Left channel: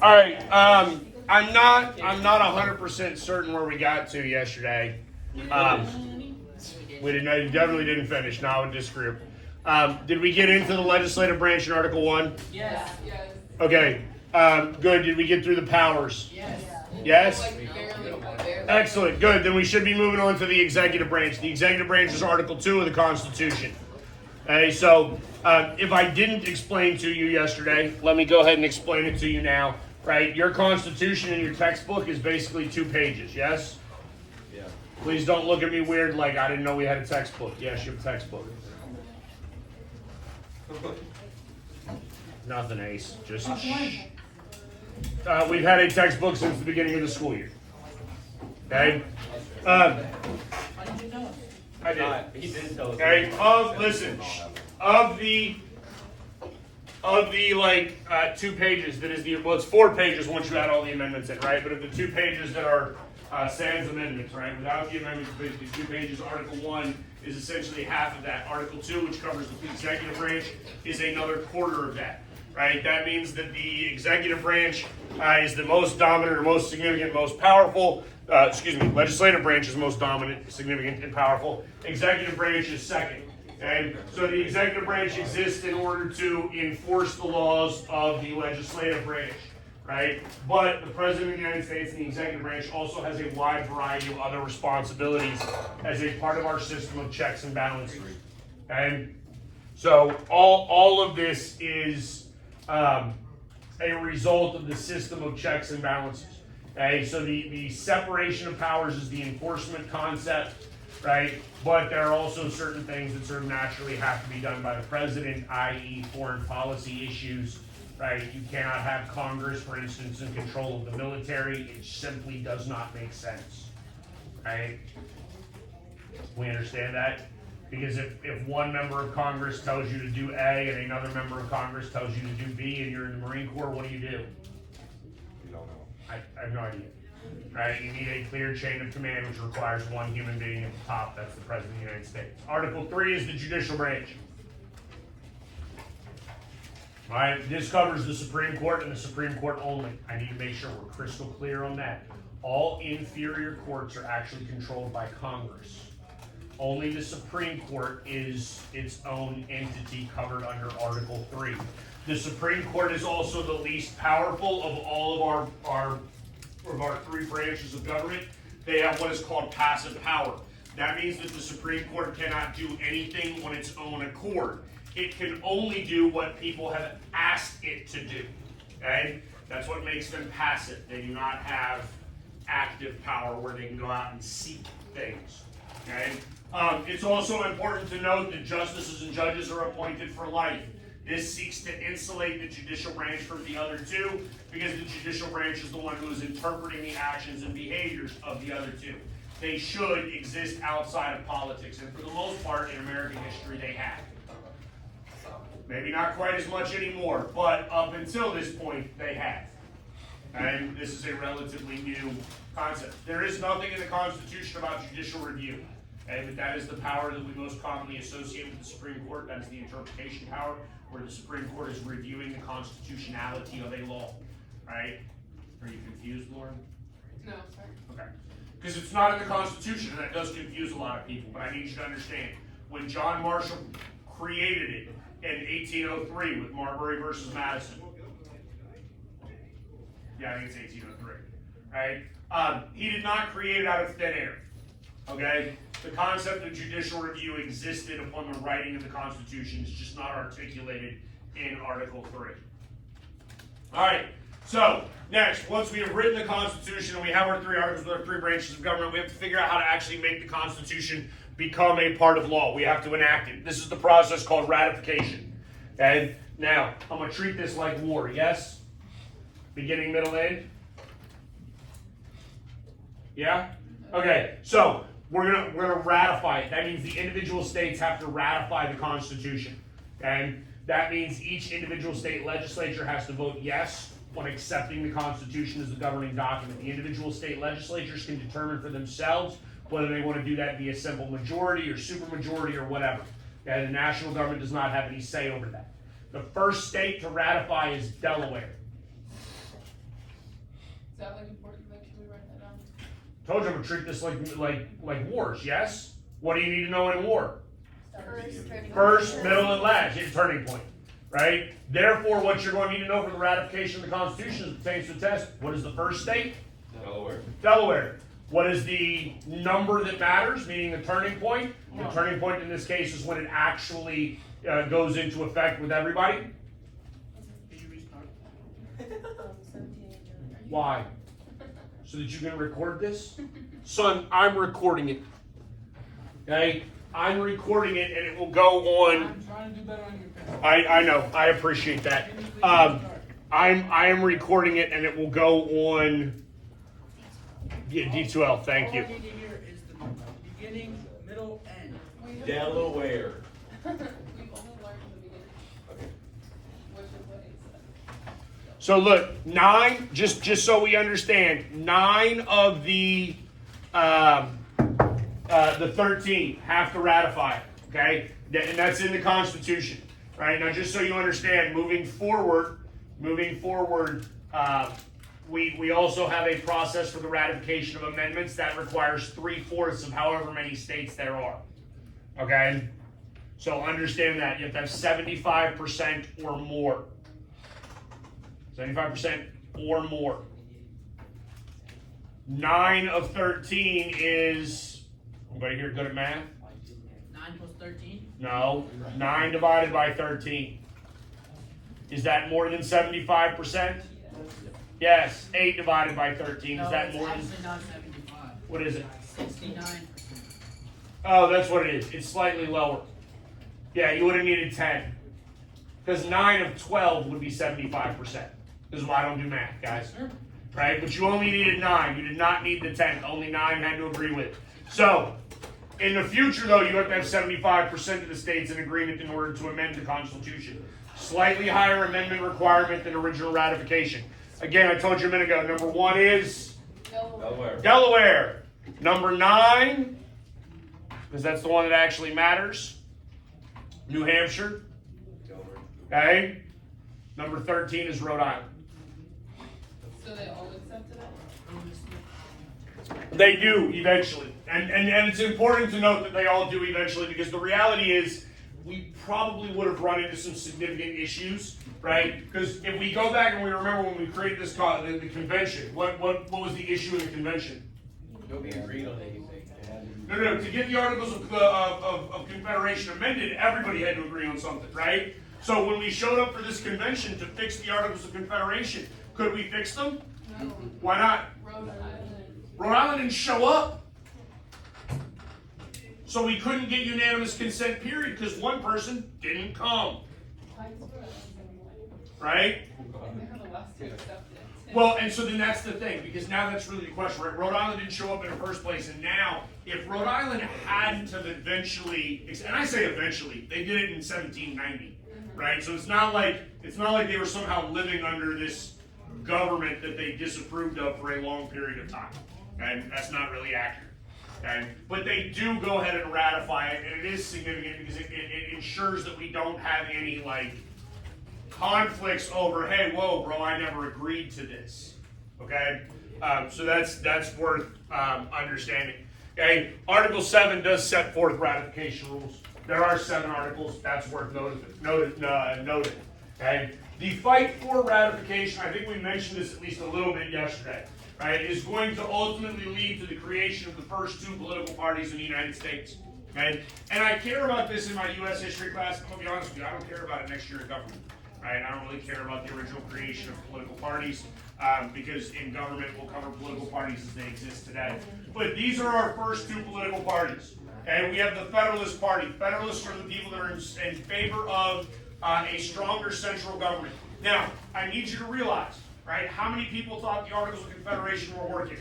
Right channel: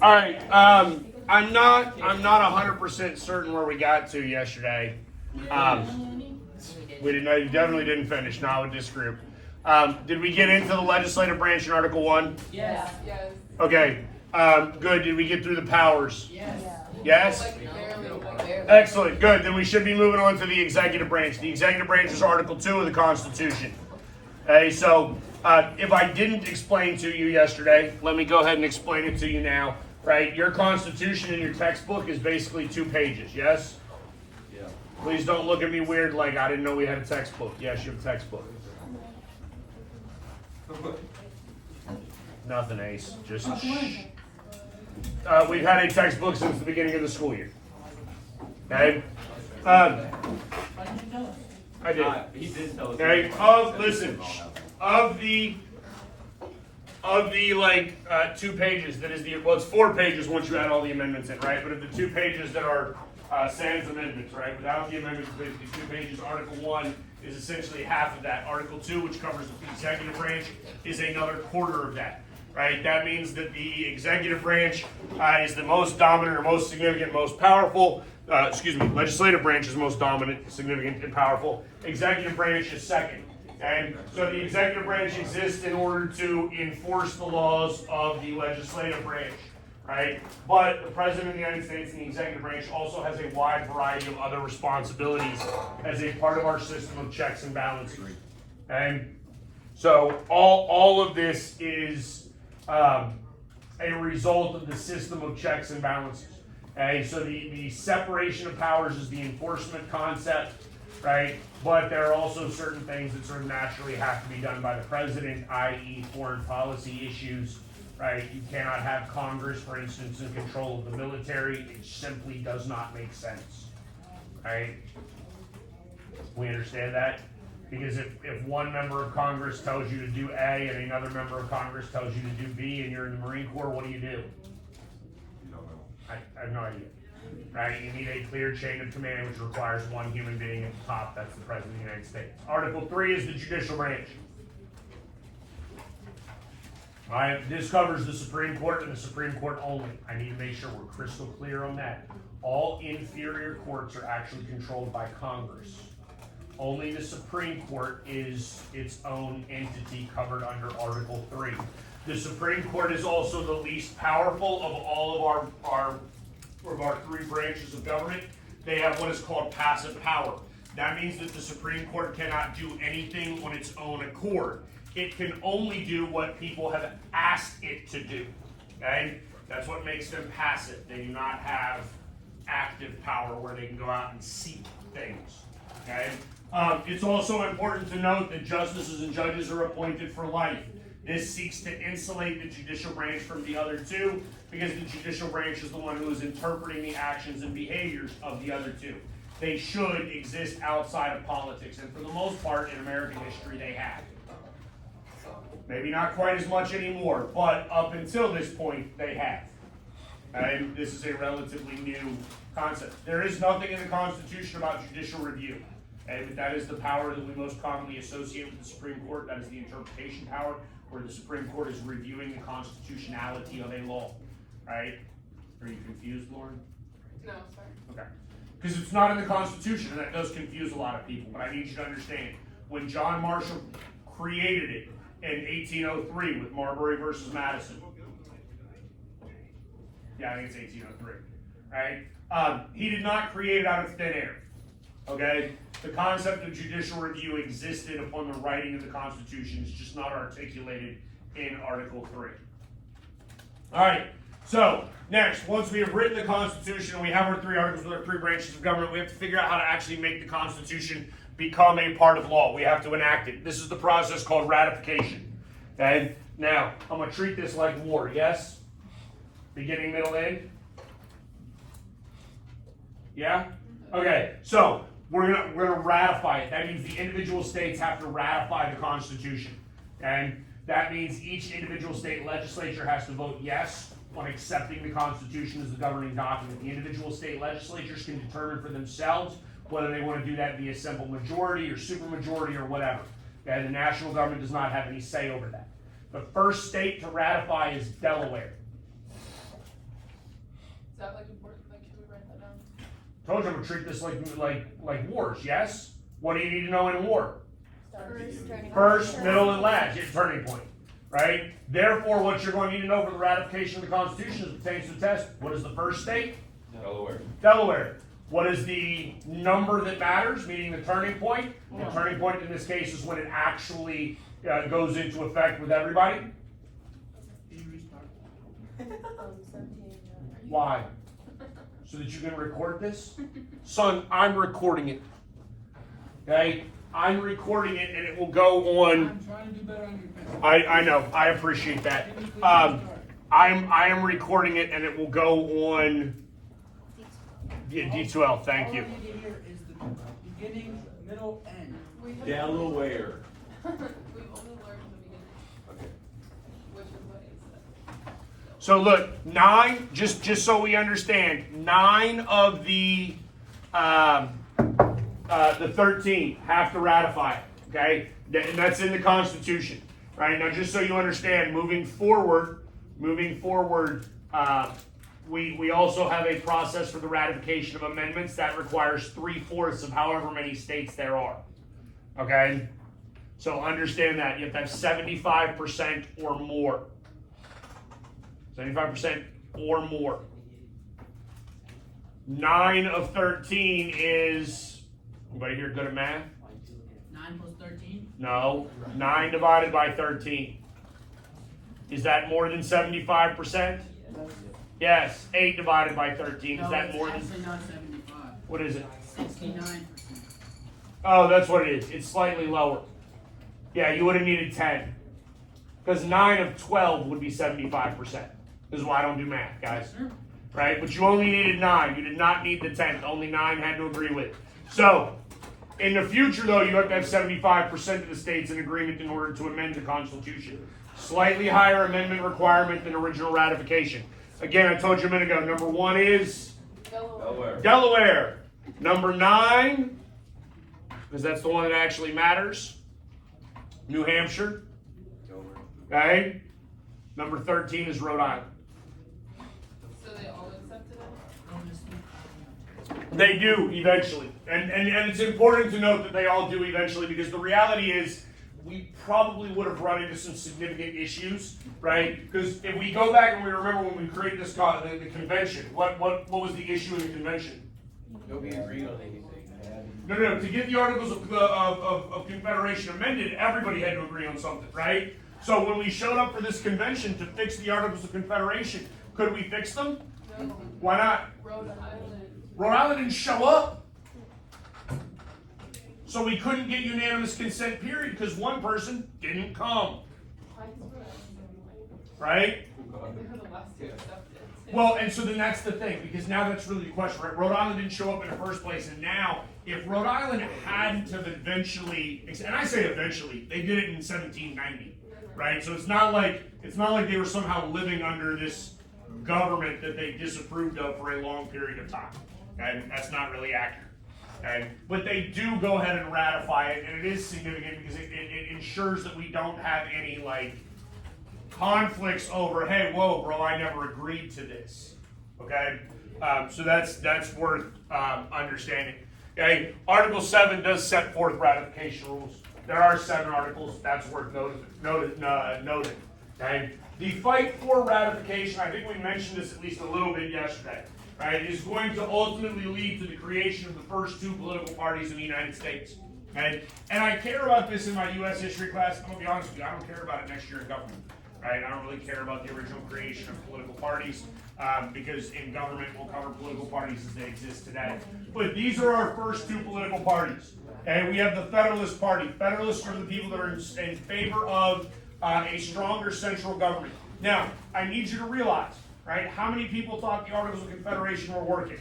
All right. I'm not 100% certain where we got to yesterday. We didn't know. You definitely didn't finish. Not with this group. Did we get into the legislative branch in Article 1? Yes. Okay. Good. Did we get through the powers? Yes. Yes? Excellent. Good. Then we should be moving on to the executive branch. The executive branch is Article 2 of the Constitution. Okay, so if I didn't explain to you yesterday, let me go ahead and explain it to you now. Right? Your Constitution in your textbook is basically 2 pages, yes? Yeah. Please don't look at me weird like I didn't know we had a textbook. Yes, you have a textbook. Nothing, Ace. Just shh. We've had a textbook since the beginning of the school year. Okay? I did. He did tell us. Okay. Listen. Of the 2 pages that is it's 4 pages once you add all the amendments in, right? But of the 2 pages that are sans amendments, right? Without the amendments, basically 2 pages. Article 1 is essentially half of that. Article 2, which covers the executive branch, is another quarter of that. Right? That means that the executive branch is the most dominant or most significant, most powerful. Legislative branch is most dominant, significant, and powerful. Executive branch is second. Okay? So the executive branch exists in order to enforce the laws of the legislative branch. Right? But the President of the United States and the executive branch also has a wide variety of other responsibilities as a part of our system of checks and balances. And so all of this is a result of the system of checks and balances. Okay, so the separation of powers is the enforcement concept, right? But there are also certain things that sort of naturally have to be done by the president, i.e. foreign policy issues, right? You cannot have Congress, for instance, in control of the military. It simply does not make sense, right? We understand that? Because if one member of Congress tells you to do A and another member of Congress tells you to do B and you're in the Marine Corps, what do? You don't know. I have no idea. Right? You need a clear chain of command, which requires one human being at the top. That's the President of the United States. Article 3 is the judicial branch. All right, this covers the Supreme Court and the Supreme Court only. I need to make sure we're crystal clear on that. All inferior courts are actually controlled by Congress. Only the Supreme Court is its own entity covered under Article 3. The Supreme Court is also the least powerful of all of our 3 branches of government. They have what is called passive power. That means that the Supreme Court cannot do anything on its own accord. It can only do what people have asked it to do. Okay? That's what makes them passive. They do not have active power where they can go out and seek things. Okay? It's also important to note that justices and judges are appointed for life. This seeks to insulate the judicial branch from the other 2 because the judicial branch is the one who is interpreting the actions and behaviors of the other 2. They should exist outside of politics, and for the most part in American history they have. Maybe not quite as much anymore, but up until this point they have. And this is a relatively new concept. There is nothing in the Constitution about judicial review. Okay, but that is the power that we most commonly associate with the Supreme Court. That is the interpretation power, where the Supreme Court is reviewing the constitutionality of a law. Right? Are you confused, Lauren? No, sorry. Okay. Because it's not in the Constitution, and that does confuse a lot of people. But I need you to understand, when John Marshall created it in 1803 with Marbury versus Madison. Yeah, I think it's 1803. Right? He did not create it out of thin air. Okay? The concept of judicial review existed upon the writing of the Constitution. It's just not articulated in Article 3. All right. So, next, once we have written the Constitution and we have our 3 articles with our 3 branches of government, we have to figure out how to actually make the Constitution become a part of law. We have to enact it. This is the process called ratification. Okay? Now, I'm going to treat this like war, yes? Beginning, middle, end? Yeah? Okay, so we're gonna ratify it. That means the individual states have to ratify the Constitution. And that means each individual state legislature has to vote yes on accepting the Constitution as the governing document. The individual state legislatures can determine for themselves whether they want to do that via simple majority or supermajority or whatever. And the national government does not have any say over that. The first state to ratify is Delaware. that like important? Like, can we write that down? Told you I'm gonna treat this like wars, yes? What do you need to know in war? First, middle, and last, it's a turning point, right? Therefore, what you're going to need to know for the ratification of the Constitution as it pertains to the test, what is the first state? Delaware. Delaware. What is the number that matters, meaning the turning point? The turning point in this case is when it actually goes into effect with everybody. Why? So that you can record this? Son, I'm recording it. Okay? I'm recording it and it will go on. I'm trying to do better on your pen. I know, I appreciate that. I am recording it and it will go on D2L, thank you. All I need to hear is the beginning, middle, end. Delaware. We've only learned the beginning, Okay. which is what he said. So look, 9, just so we understand, 9 of the 13 have to ratify it, okay? And that's in the Constitution, right? Now, just so you understand, moving forward, we also have a process for the ratification of amendments that requires 3/4 of however many states there are, okay? So understand that you have to have 75% or more. 75% or more. 9 of 13 is, anybody here good at math? 9 plus 13? No, 9 divided by 13. Is that more than 75%? Yes, 8 divided by 13, is that more than, It's actually not 75. what is it? 69%. Oh, that's what it is, it's slightly lower. Yeah, you would have needed 10. Because 9 of 12 would be 75%. This is why I don't do math, guys. Sure. Right? But you only needed 9. You did not need the 10th. Only 9 had to agree with. So, in the future, though, you have to have 75% of the states in agreement in order to amend the Constitution. Slightly higher amendment requirement than original ratification. Again, I told you a minute ago, number 1 is Delaware. Delaware. Number 9, because that's the one that actually matters, New Hampshire. Okay? Number 13 is Rhode Island. So they all accepted it? They do eventually. And it's important to note that they all do eventually, because the reality is we probably would have run into some significant issues, right? Because if we go back and we remember when we created this the convention, what was the issue in the convention? Nobody agreed on anything. No. To get the Articles of Confederation amended, everybody had to agree on something, right? So when we showed up for this convention to fix the Articles of Confederation, could we fix them? No. Why not? Rhode Island. Rhode Island didn't show up. So we couldn't get unanimous consent, period, because one person didn't come, right? Because the last two accepted it. Well, and so then that's the thing, because now that's really the question, right? Rhode Island didn't show up in the first place, and now, if Rhode Island hadn't have eventually, and I say eventually, they did it in 1790, right? So it's not like they were somehow living under this government that they disapproved of for a long period of time, and that's not really accurate. Okay? But they do go ahead and ratify it, and it is significant because it ensures that we don't have any conflicts over, hey, whoa, bro, I never agreed to this. Okay, so that's worth understanding. Okay, Article 7 does set forth ratification rules. There are 7 articles. That's worth noting. Okay, the fight for ratification, I think we mentioned this at least a little bit yesterday. Right, is going to ultimately lead to the creation of the first 2 political parties in the United States. Okay? And I care about this in my U.S. history class. I'm going to be honest with you, I don't care about it next year in government. Right? I don't really care about the original creation of political parties because in government we'll cover political parties as they exist today. But these are our first 2 political parties. And we have the Federalist Party. Federalists are the people that are in favor of a stronger central government. Now, I need you to realize, right? How many people thought the Articles of Confederation were working?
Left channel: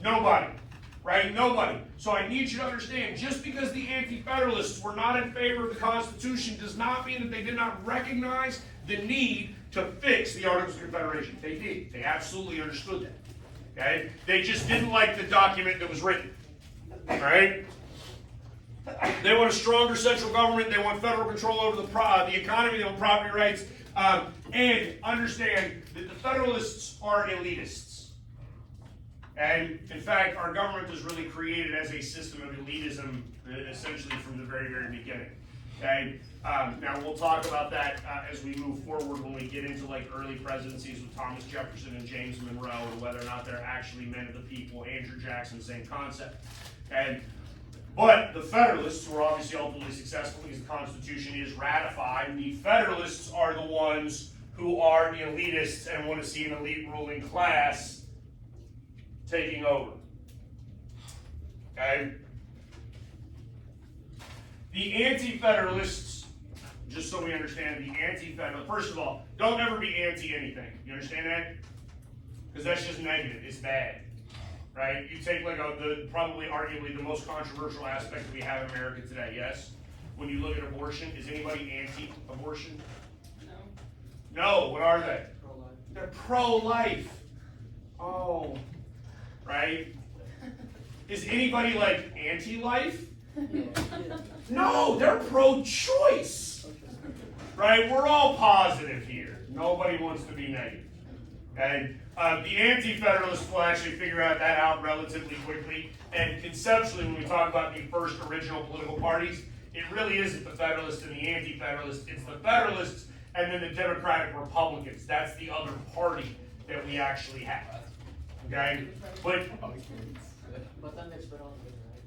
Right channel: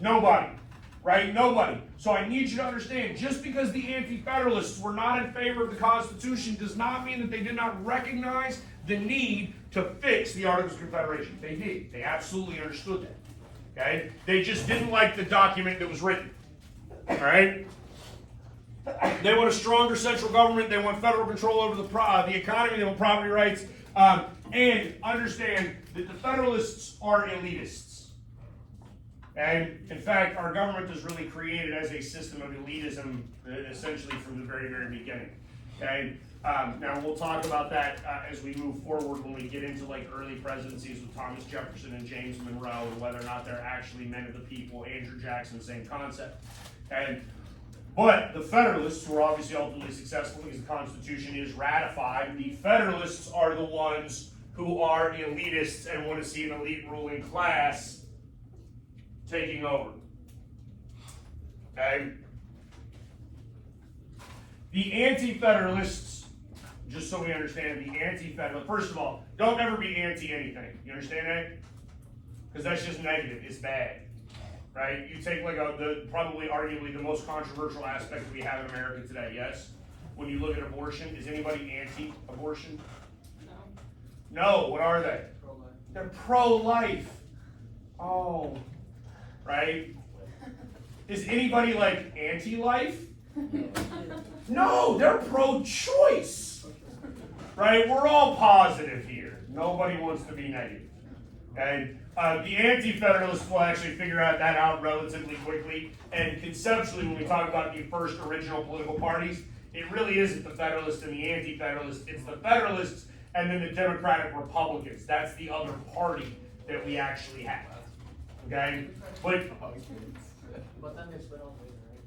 Nobody. Right? Nobody. So I need you to understand, just because the Anti-Federalists were not in favor of the Constitution does not mean that they did not recognize the need to fix the Articles of Confederation. They did. They absolutely understood that. Okay? They just didn't like the document that was written. Right? They want a stronger central government. They want federal control over the economy. They want property rights. And understand that the Federalists are elitists. And in fact, our government was really created as a system of elitism, essentially from the very, very beginning. Okay. Now we'll talk about that as we move forward when we get into like early presidencies with Thomas Jefferson and James Monroe, and whether or not they're actually men of the people. Andrew Jackson, same concept. But the Federalists, who are obviously ultimately successful because the Constitution is ratified, the Federalists are the ones who are elitists and want to see an elite ruling class taking over. Okay? The Anti-Federalists, just so we understand, the Anti-Federalists, first of all, don't ever be anti-anything. You understand that? Because that's just negative. It's bad. Right? You take like probably arguably the most controversial aspect we have in America today, yes? When you look at abortion, is anybody anti-abortion? No. No, what are they? They're pro-life. Oh, right? Is anybody like anti-life? No, they're pro-choice. Right? We're all positive here. Nobody wants to be negative. And the Anti-Federalists will actually figure that out relatively quickly. And conceptually, when we talk about the first original political parties, it really isn't the Federalists and the Anti-Federalists. It's the Federalists and then the Democratic Republicans. That's the other party that we actually have. Okay? But then there's federalism, right?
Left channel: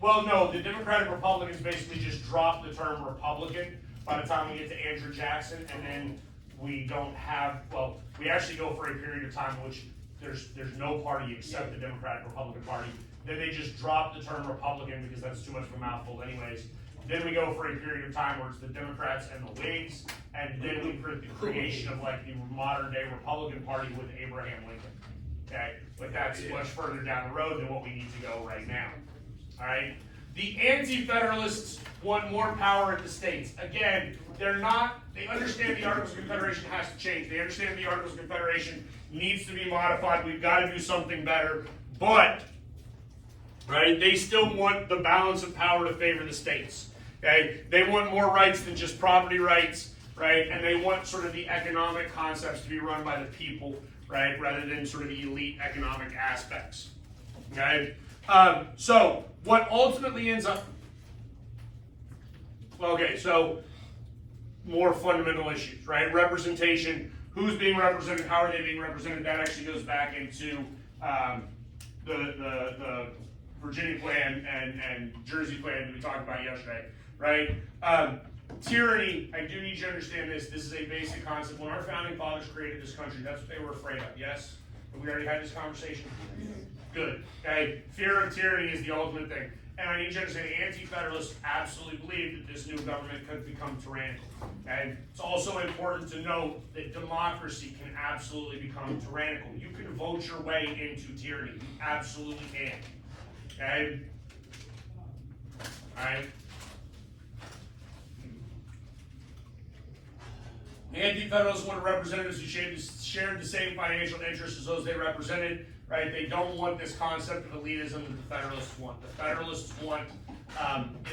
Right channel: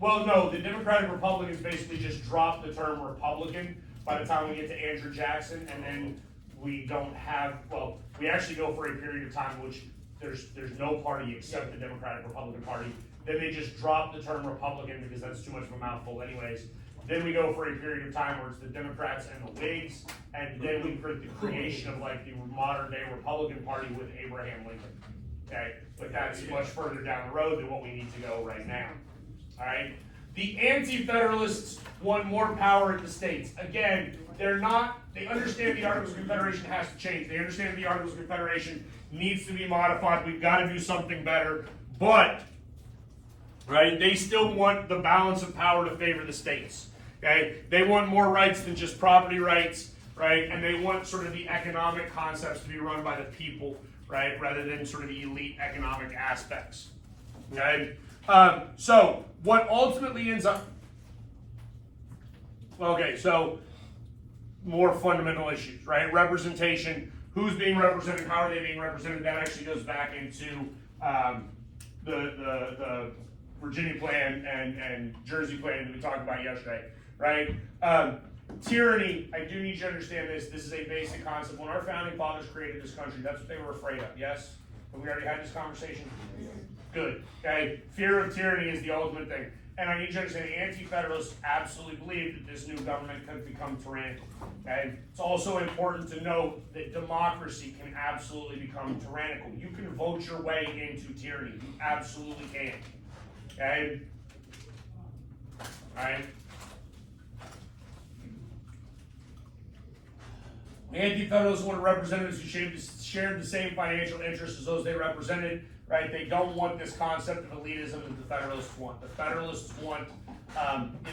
well, no, the Democratic Republicans basically just dropped the term Republican by the time we get to Andrew Jackson, and then we don't have, well, we actually go for a period of time in which there's no party except the Democratic Republican Party. Then they just drop the term Republican because that's too much of a mouthful anyways. Then we go for a period of time where it's the Democrats and the Whigs, and then we put the creation of like the modern day Republican Party with Abraham Lincoln. Okay, but that's much further down the road than what we need to go right now. All right, the Anti-Federalists want more power at the states. Again, they understand the Articles of Confederation has to change. They understand the Articles of Confederation needs to be modified. We've got to do something better. But, right, they still want the balance of power to favor the states. Okay, they want more rights than just property rights, right? And they want sort of the economic concepts to be run by the people, right, rather than sort of the elite economic aspects. Okay, so what ultimately ends up, okay, so more fundamental issues, right? Representation, who's being represented, how are they being represented? That actually goes back into the Virginia plan and Jersey plan that we talked about yesterday, right? Tyranny, I do need you to understand this. This is a basic concept. When our founding fathers created this country, that's what they were afraid of, yes? Have we already had this conversation? Good, okay? Fear of tyranny is the ultimate thing. And I need you to understand, the Anti-Federalists absolutely believe that this new government could become tyrannical. Okay? It's also important to note that democracy can absolutely become tyrannical. You can vote your way into tyranny. You absolutely can. Okay? Alright? Anti-Federalists want representatives who shared the same financial interests as those they represented. Right? They don't want this concept of elitism that the Federalists want. The Federalists want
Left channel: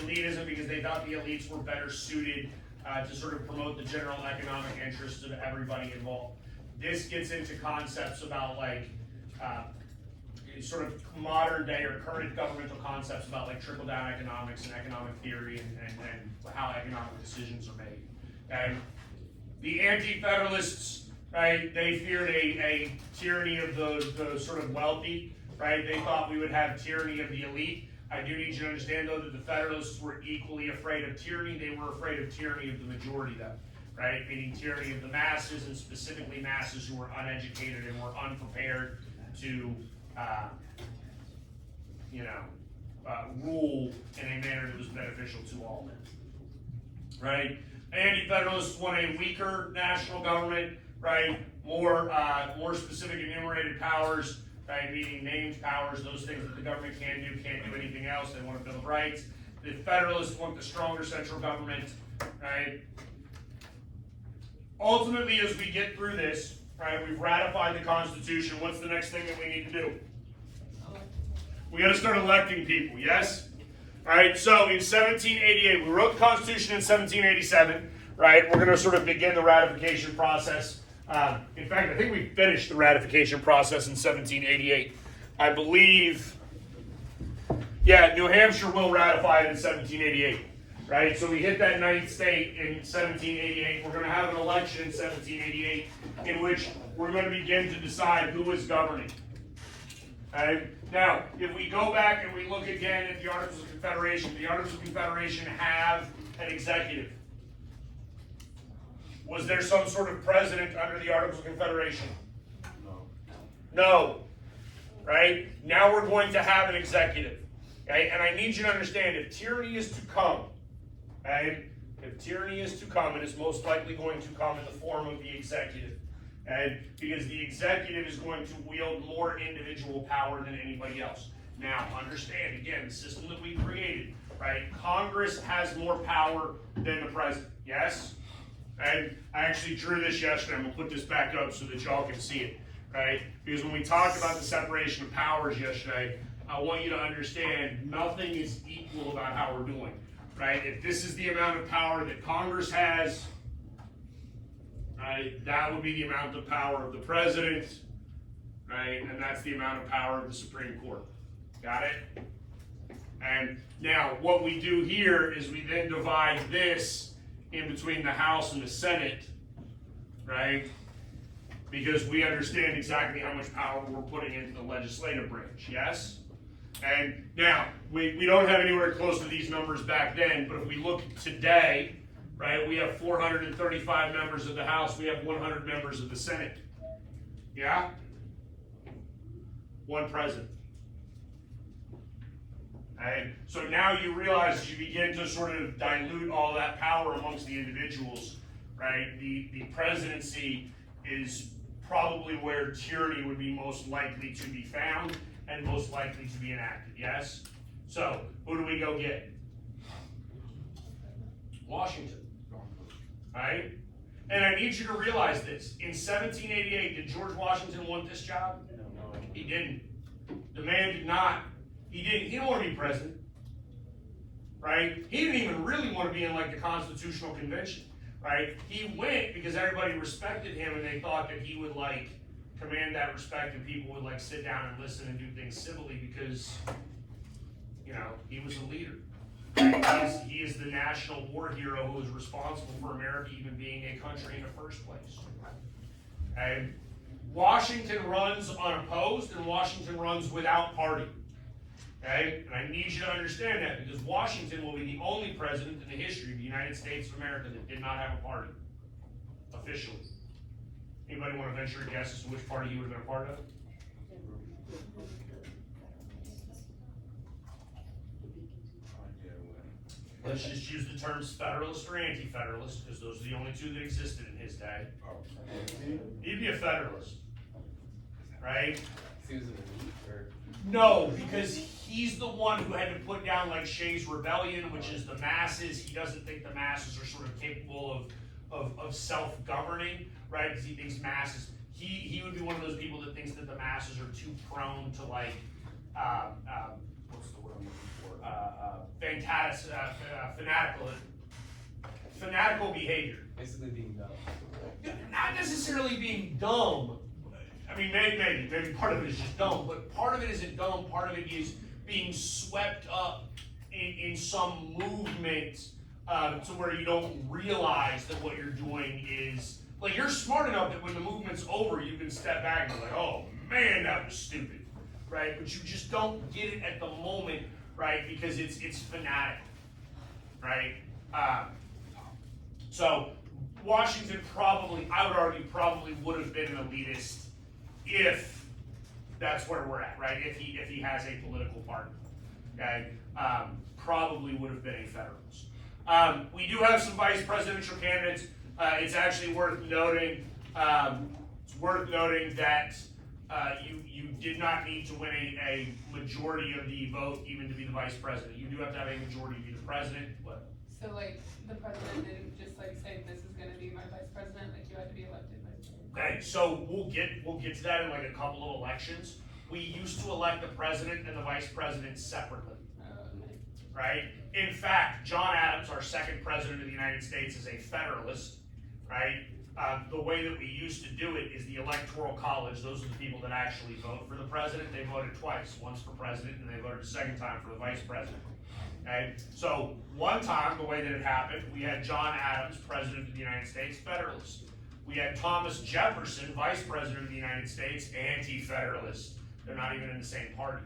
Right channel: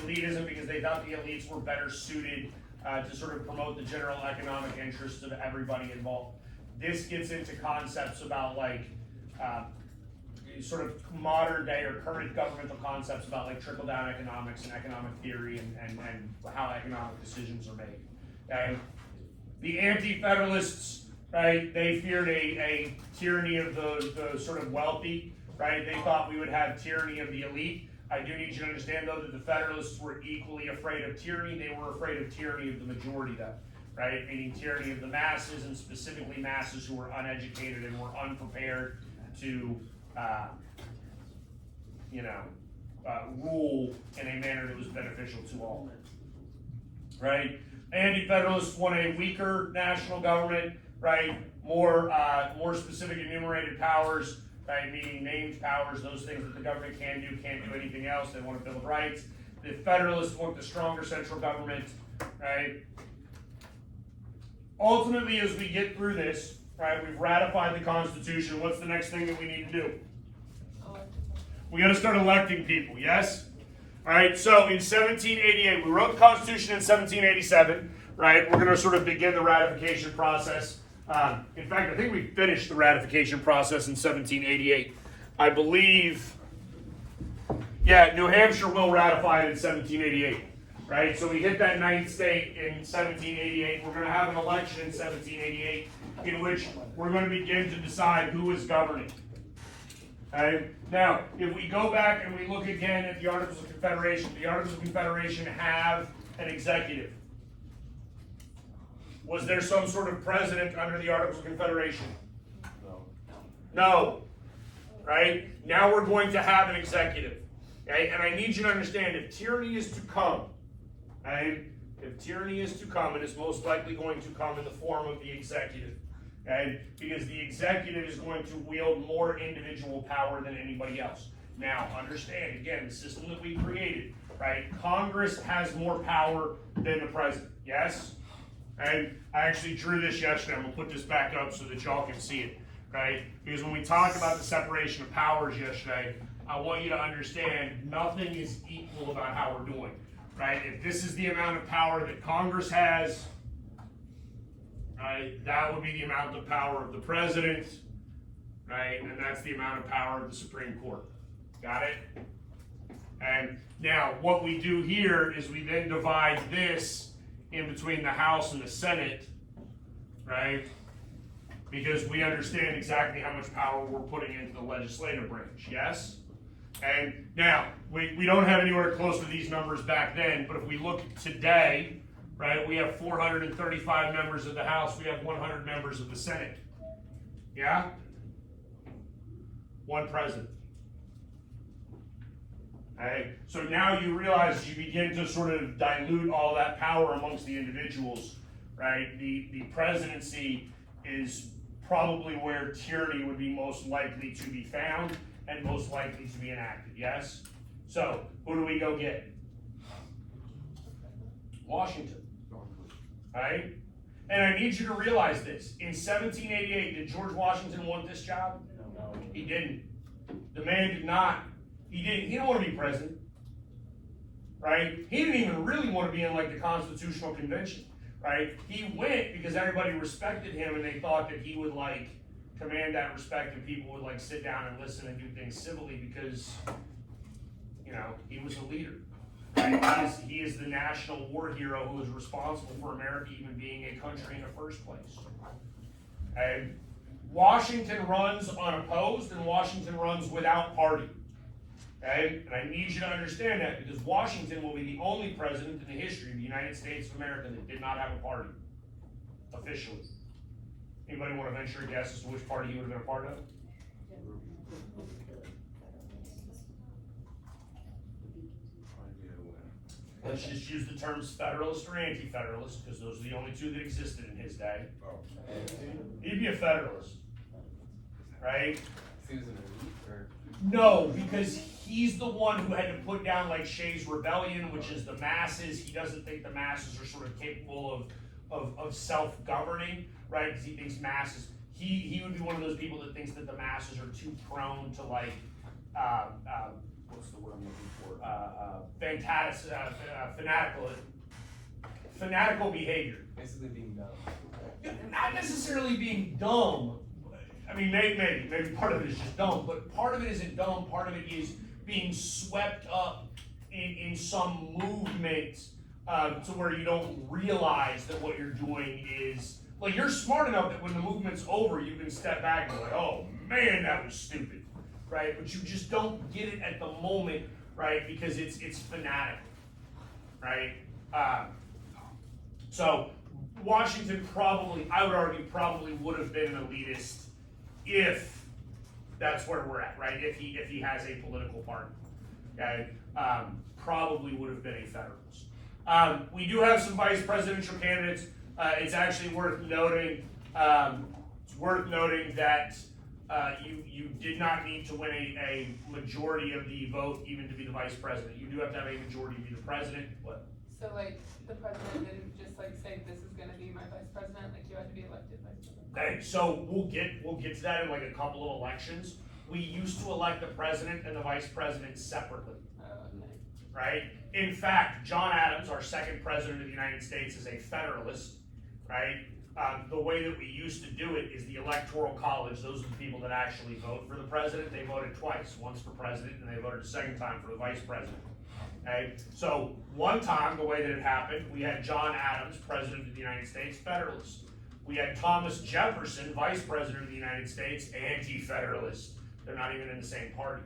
elitism because they thought the elites were better suited to sort of promote the general economic interests of everybody involved. This gets into concepts about like sort of modern day or current governmental concepts about like trickle-down economics and economic theory and how economic decisions are made. Okay? The Anti-Federalists, right, they feared a tyranny of the sort of wealthy, right? They thought we would have tyranny of the elite. I do need you to understand, though, that the Federalists were equally afraid of tyranny. They were afraid of tyranny of the majority, though, right? Meaning tyranny of the masses, and specifically masses who were uneducated and were unprepared to, rule in a manner that was beneficial to all, right? Anti-Federalists want a weaker national government, right? More specific enumerated powers, right? Meaning named powers, those things that the government can't do anything else. They want a Bill of Rights. The Federalists want the stronger central government, right? Ultimately, as we get through this, right, we've ratified the Constitution. What's the next thing that we need to do? We got to start electing people, yes? All right, so in 1788, we wrote the Constitution in 1787, right? We're gonna sort of begin the ratification process. In fact, I think we finished the ratification process in 1788. I believe, yeah, New Hampshire will ratify it in 1788, right? So we hit that ninth state in 1788. We're gonna have an election in 1788 in which we're gonna begin to decide who is governing. Okay? Now, if we go back and we look again at the Articles of Confederation, the Articles of Confederation have an executive. Was there some sort of president under the Articles of Confederation? No. Right? Now we're going to have an executive. Okay? And I need you to understand, if tyranny is to come, okay? If tyranny is to come, it is most likely going to come in the form of the executive. Okay? Because the executive is going to wield more individual power than anybody else. Now, understand, again, the system that we created, right? Congress has more power than the president. Yes? And I actually drew this yesterday. I'm going to put this back up so that y'all can see it. Right? Because when we talked about the separation of powers yesterday, I want you to understand nothing is equal about how we're doing. Right? If this is the amount of power that Congress has, right, that would be the amount of power of the president, right? And that's the amount of power of the Supreme Court. Got it? And now what we do here is we then divide this in between the House and the Senate, right? Because we understand exactly how much power we're putting into the legislative branch, yes? And now, we don't have anywhere close to these numbers back then, but if we look today, right, we have 435 members of the House, we have 100 members of the Senate. Yeah? One president. Okay? So now you realize you begin to sort of dilute all that power amongst the individuals, right? The presidency is probably where tyranny would be most likely to be found and most likely to be enacted, yes? So, who do we go get? Washington, right? And I need you to realize this. In 1788, did George Washington want this job? He didn't. The man did not. He didn't want to be president, right? He didn't even really want to be in like the Constitutional Convention, right? He went because everybody respected him and they thought that he would like command that respect and people would like sit down and listen and do things civilly because, you know, he was a leader. He is the national war hero who is responsible for America even being a country in the first place. And Washington runs unopposed and Washington runs without party. Okay? And I need you to understand that because Washington will be the only president in the history of the United States of America that did not have a party, officially. Anybody want to venture a guess as to which party he would have been a part of? Let's just use the terms Federalist or Anti-Federalist because those are the only two that existed in his day. He'd be a Federalist, right? No, because he's the one who had to put down like Shays' Rebellion, which is the masses. He doesn't think the masses are sort of capable of self-governing, right? Because he thinks masses. He would be one of those people that thinks that the masses are too prone to like what's the word I'm looking for? Fanatical behavior. Basically being dumb. Not necessarily being dumb. I mean, maybe part of it is just dumb, but part of it isn't dumb. Part of it is being swept up in some movement to where you don't realize that what you're doing is like you're smart enough that when the movement's over, you can step back and be like, "Oh man, that was stupid," right? But you just don't get it at the moment, right? Because it's fanatic, right? So Washington probably, I would argue, probably would have been an elitist if that's where we're at, right? If he has a political party, okay, probably would have been a Federalist. We do have some vice presidential candidates. It's actually worth noting. It's worth noting that you did not need to win a majority of the vote even to be the vice president. You do have to have a majority to be the president. What? So like the president didn't just like say this is gonna be my vice president, like you had to be elected vice president. Okay, so we'll get to that in like a couple of elections. We used to elect the president and the vice president separately. Okay. right? In fact, John Adams, our second president of the United States, is a Federalist, right? The way that we used to do it is the Electoral College. Those are the people that actually vote for the president. They voted twice, once for president, and they voted a second time for the vice president. Okay, so one time, the way that it happened, we had John Adams, President of the United States, Federalist. We had Thomas Jefferson, Vice President of the United States, Anti-Federalist. They're not even in the same party,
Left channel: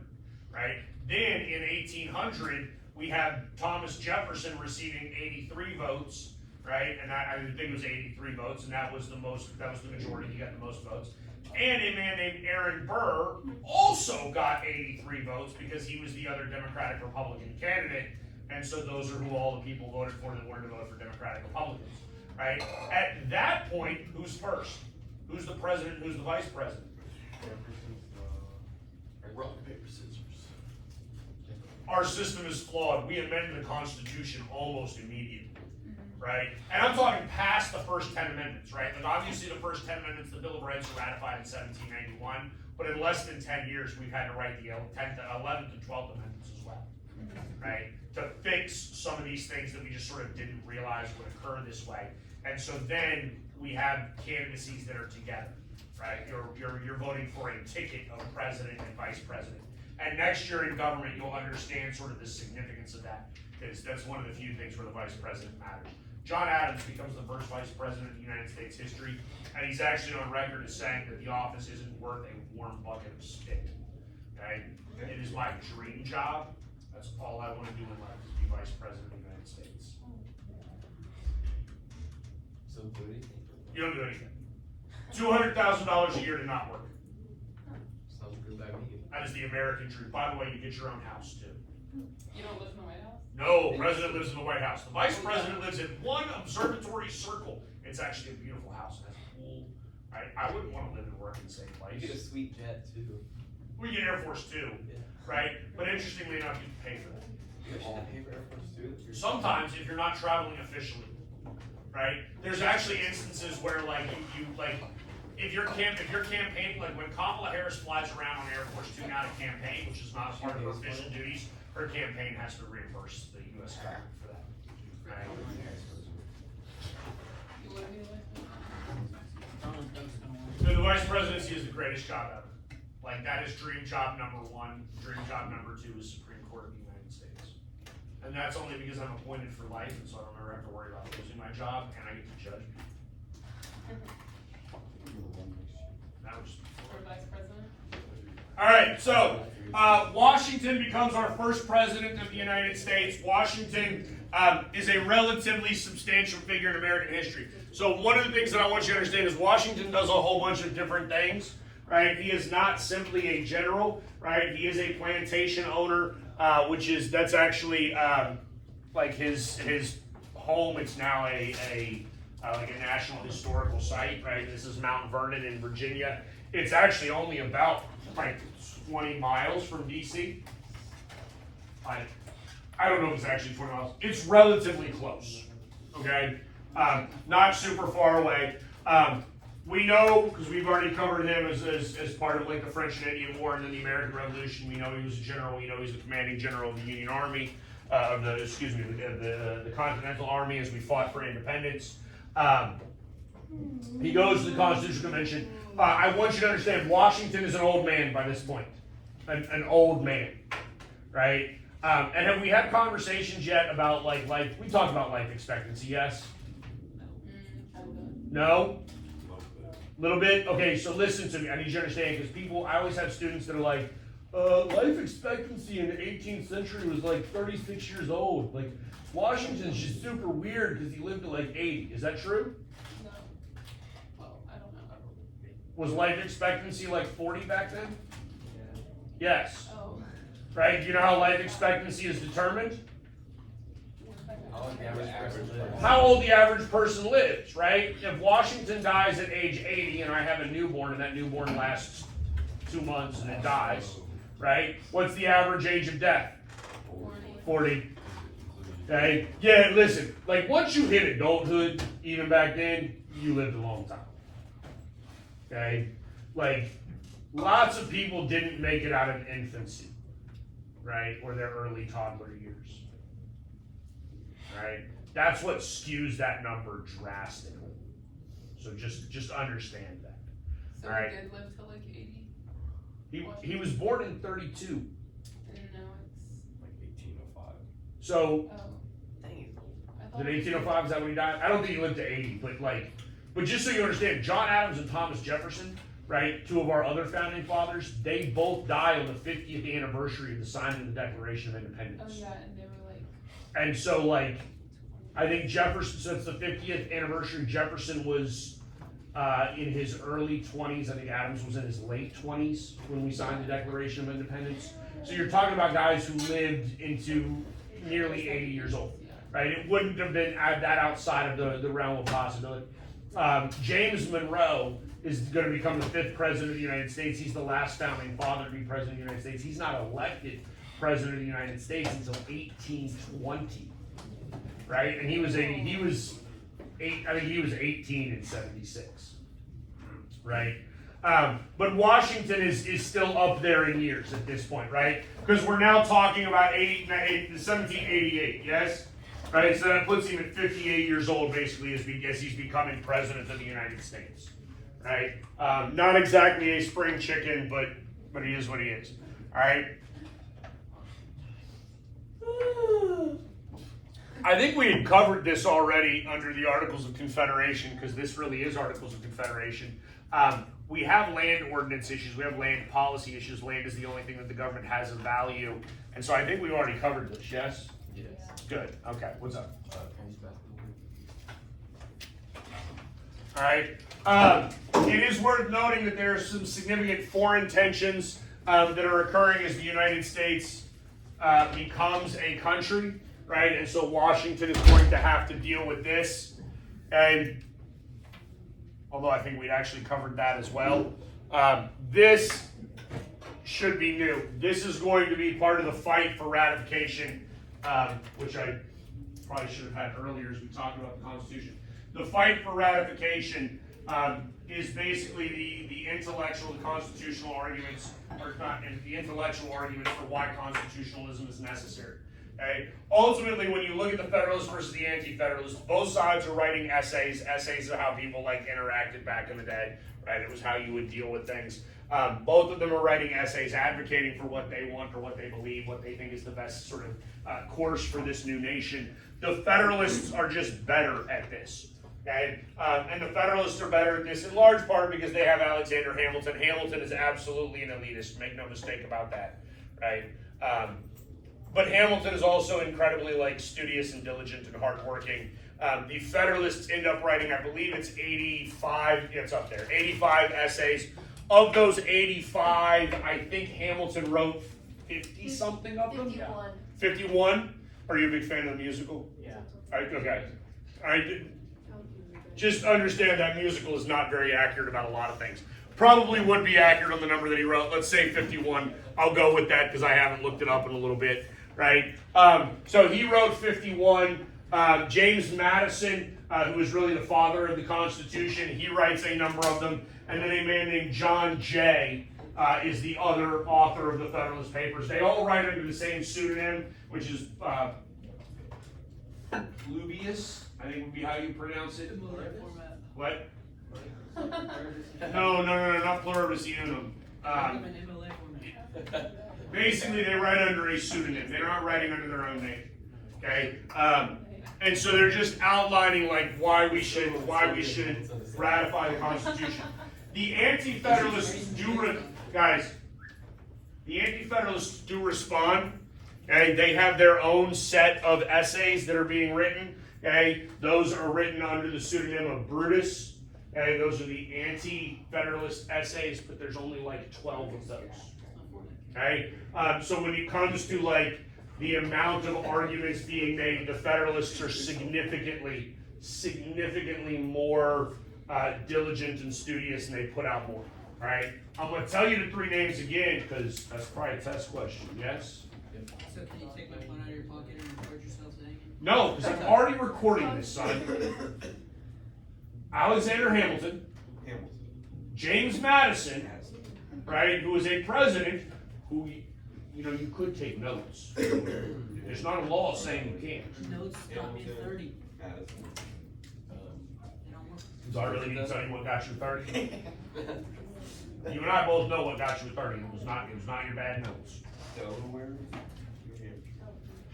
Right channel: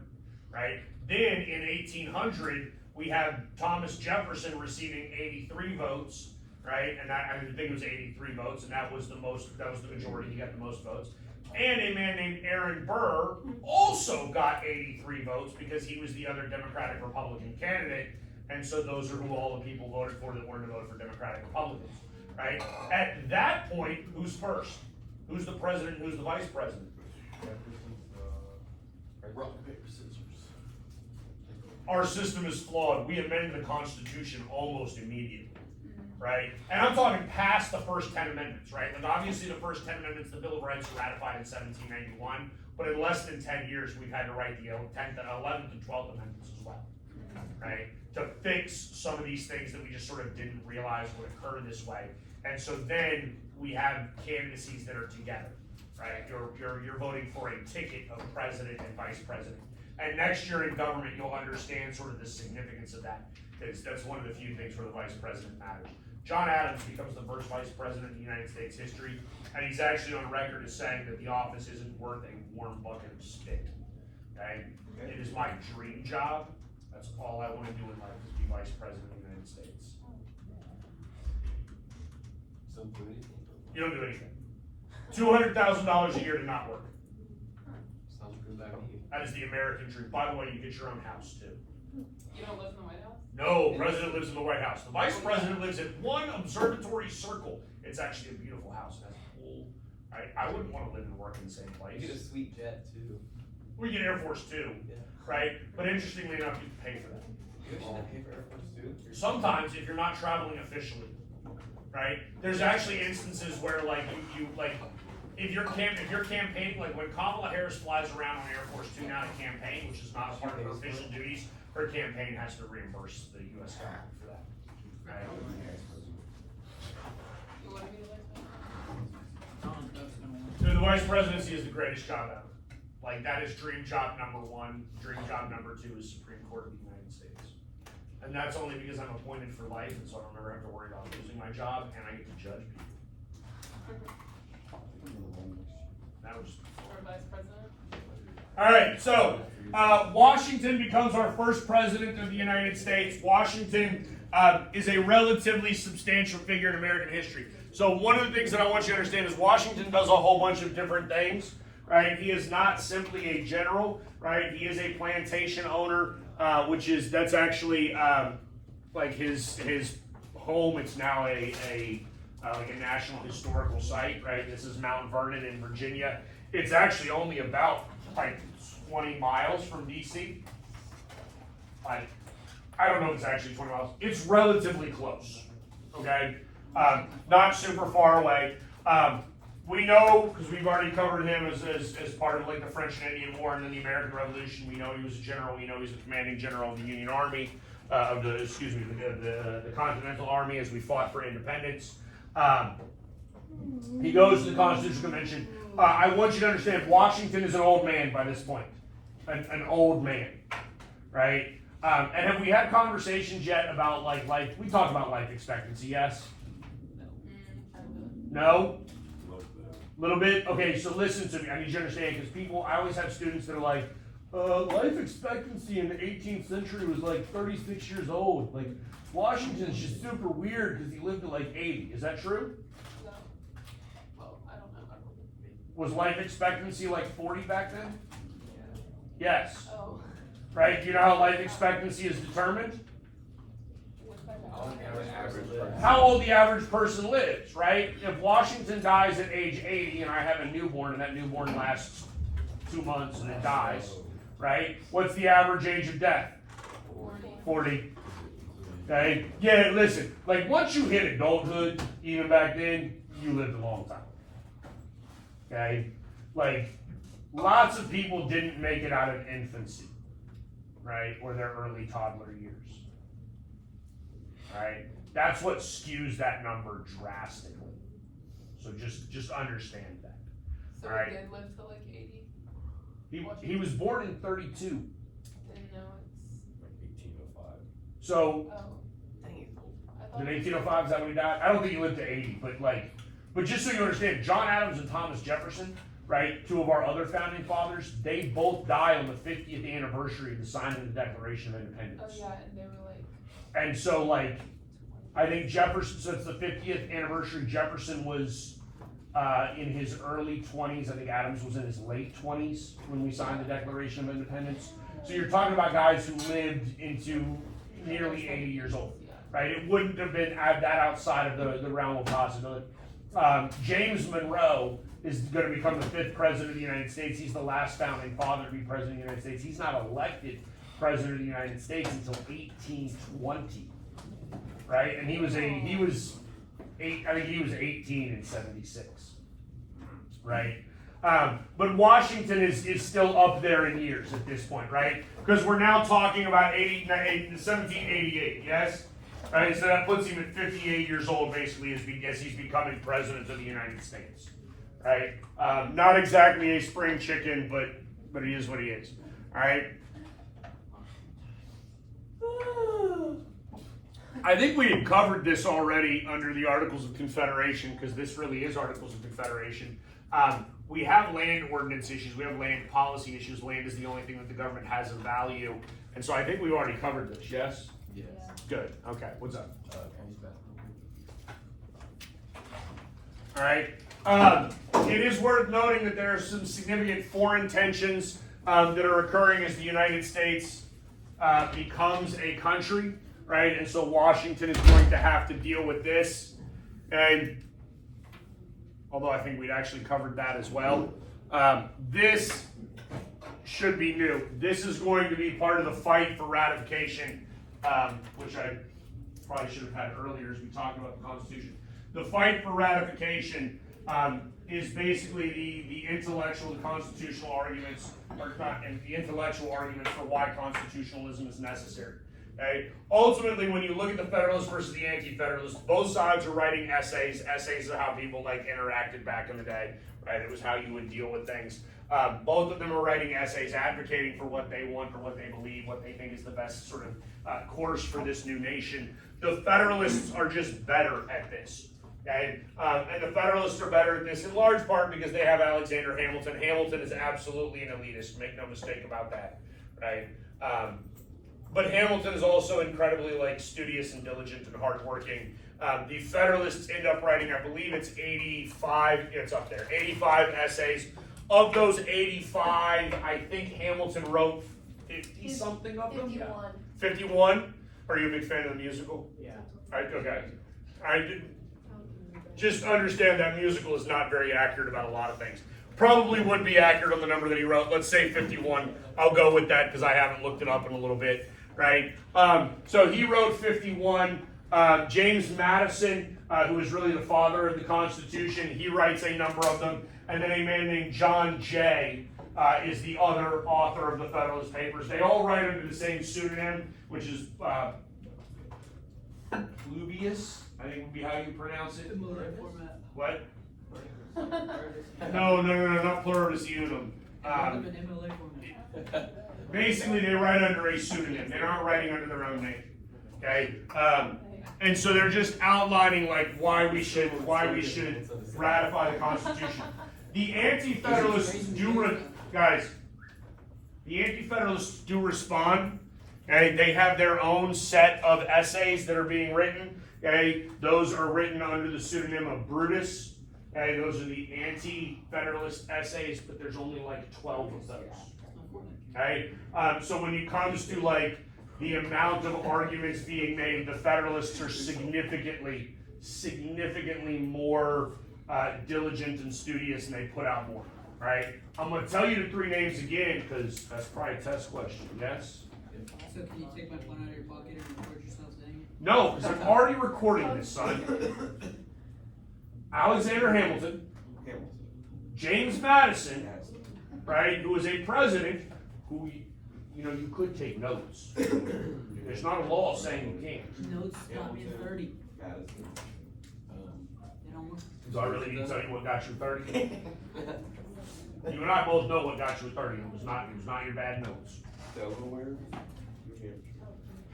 right? Then in 1800, we have Thomas Jefferson receiving 83 votes, right? And that, I think it was 83 votes, and that was the majority. He got the most votes. And a man named Aaron Burr also got 83 votes because he was the other Democratic Republican candidate. And so those are who all the people voted for that wanted to vote for Democratic Republicans, right? At that point, who's first? Who's the president? Who's the vice president? Rock, paper, scissors. Our system is flawed. We amend the Constitution almost immediately, right? And I'm talking past the first 10 amendments, right? Like obviously the first 10 amendments, the Bill of Rights were ratified in 1791, but in less than 10 years, we've had to write the 10th, 11th, and 12th amendments as well, right? To fix some of these things that we just sort of didn't realize would occur this way. And so then we have candidacies that are together, right? You're voting for a ticket of president and vice president. And next year in government, you'll understand sort of the significance of that. That's one of the few things where the vice president matters. John Adams becomes the first vice president in the United States history, and he's actually on record as saying that the office isn't worth a warm bucket of spit, okay? It is my dream job. That's all I want to do in life, is be vice president of the United States. So do anything. You don't do anything. $200,000 a year to not work. Sounds good by me. That is the American dream. By the way, you get your own house too. You don't live in the White House? No, president lives in the White House. The vice president lives in one observatory circle. It's actually a beautiful house. It has a pool. I wouldn't want to live and work in the same You get a place. sweet jet too. We get Air Force too, Yeah. right? But interestingly enough, you pay for it. You should pay for Air Force too. Sometimes, if you're not traveling officially, right? There's actually instances where, like, you like, if your campaign, like when Kamala Harris flies around on Air Force Two now to campaign, which is not a part of her official duties, her campaign has to reimburse the U.S. government for that. Right? You wanna be elected? So the vice presidency is the greatest job ever. Like, that is dream job number one. Dream job number two is Supreme Court of the United States. And that's only because I'm appointed for life, and so I don't ever have to worry about losing my job, and I get to judge people. That was. For vice president? All right, so Washington becomes our first president of the United States. Washington is a relatively substantial figure in American history. So one of the things that I want you to understand is Washington does a whole bunch of different things, right? He is not simply a general, right? He is a plantation owner, that's actually like his home. It's now like a national historical site, right? This is Mount Vernon in Virginia. It's actually only about like 20 miles from DC. I don't know if it's actually 20 miles. It's relatively close, okay? Not super far away. We know, because we've already covered him as part of like the French and Indian War and then the American Revolution. We know he was a general. We know he's the commanding general of the Union Army, the Continental Army as we fought for independence. He goes to the Constitutional Convention. I want you to understand, Washington is an old man by this point. An old man, right? And have we had conversations yet about like life? We talked about life expectancy, yes? No? A little bit? Okay, so listen to me. I need you to understand, because I always have students that are like, life expectancy in the 18th century was like 36 years old. Like, Washington's just super weird because he lived to like 80. Is that true? No. Well, I don't know. Was life expectancy like 40 back then? Yes. Oh. Right? Do you know how life expectancy is determined? How old the average person lives, right? If Washington dies at age 80 and I have a newborn and that newborn lasts 2 months and it dies, right? What's the average age of death? 40. Okay? Yeah, listen, like once you hit adulthood, even back then, you lived a long time. Okay? Like, lots of people didn't make it out of infancy, right? Or their early toddler years. Alright, that's what skews that number drastically. So just understand that. So Alright. he did live to like 80? He was born in 32, Didn't know it's, Like 1805. so oh. Dang, he's old. I thought did it was 1805, is that when he died? I don't think he lived to 80, but just so you understand, John Adams and Thomas Jefferson, right, two of our other founding fathers, they both die on the 50th anniversary of the signing of the Declaration of Oh, Independence. yeah, and they were like, And so like, I think Jefferson, so it's the 50th anniversary, Jefferson was in his early 20s, I think Adams was in his late 20s when we signed the Declaration of Independence. So you're talking about guys who lived into nearly 80 years old, yeah. right? It wouldn't have been that outside of the realm of possibility. James Monroe is going to become the 5th president of the United States. He's the last founding father to be president of the United States. He's not elected president of the United States until 1820, right? And I think he was 18 in 76, right? But Washington is still up there in years at this point, right? Because we're now talking about 1788, yes? All right, so that puts him at 58 years old, basically, as he's becoming president of the United States, right? Not exactly a spring chicken, but he is what he is, all right? I think we had covered this already under the Articles of Confederation, because this really is Articles of Confederation. We have land ordinance issues, we have land policy issues. Land is the only thing that the government has of value. And so I think we've already covered this, yes? Yes. Good, okay, what's up? Penny's basketball. All right. It is worth noting that there are some significant foreign tensions that are occurring as the United States becomes a country, right? And so Washington is going to have to deal with this. And although I think we'd actually covered that as well, this should be new. This is going to be part of the fight for ratification, which I probably should have had earlier as we talked about the Constitution. The fight for ratification is basically the intellectual and constitutional arguments, or not, and the intellectual arguments for why constitutionalism is necessary. Okay? Ultimately, when you look at the Federalists versus the Anti-Federalists, both sides are writing essays. Essays are how people interacted back in the day, right? It was how you would deal with things. Both of them are writing essays advocating for what they want, for what they believe, what they think is the best sort of course for this new nation. The Federalists are just better at this. Okay? And the Federalists are better at this in large part because they have Alexander Hamilton. Hamilton is absolutely an elitist, make no mistake about that, right? But Hamilton is also incredibly studious and diligent and hardworking. The Federalists end up writing, I believe it's 85, it's up there, 85 essays. Of those 85, I think Hamilton wrote 50 something of them. 51. 51? Are you a big fan of the musical? Yeah. Okay. Just understand that musical is not very accurate about a lot of things. Probably would be accurate on the number that he wrote. Let's say 51. I'll go with that because I haven't looked it up in a little bit, right? So he wrote 51. James Madison, who is really the father of the Constitution, he writes a number of them. And then a man named John Jay is the other author of the Federalist Papers. They all write under the same pseudonym, which is Pluvius, I think would be how you pronounce it. Format. What? No, not pluribus unum. Basically, they write under a pseudonym. They're not writing under their own name. Okay, and so they're just outlining why we should ratify the Constitution. The Anti-Federalists the Anti-Federalists do respond. Okay, they have their own set of essays that are being written. Okay, those are written under the pseudonym of Brutus. Okay, those are the Anti-Federalist essays, but there's only 12 of those. Okay, so when it comes to the amount of arguments being made, the Federalists are significantly more diligent and studious, and they put out more. Right? I'm going to tell you the 3 names again because that's probably a test question. Yes? So can you take my phone out of your pocket and record yourself saying it? No, because I'm already recording this, son. Alexander Hamilton, James Madison, right, who was a president who, you know, you could take notes. There's not a law saying you can't. Notes got me 30. Madison. They don't work. So I really need to tell you what got you 30. You and I both know what got you 30. It was not your bad notes. Delaware.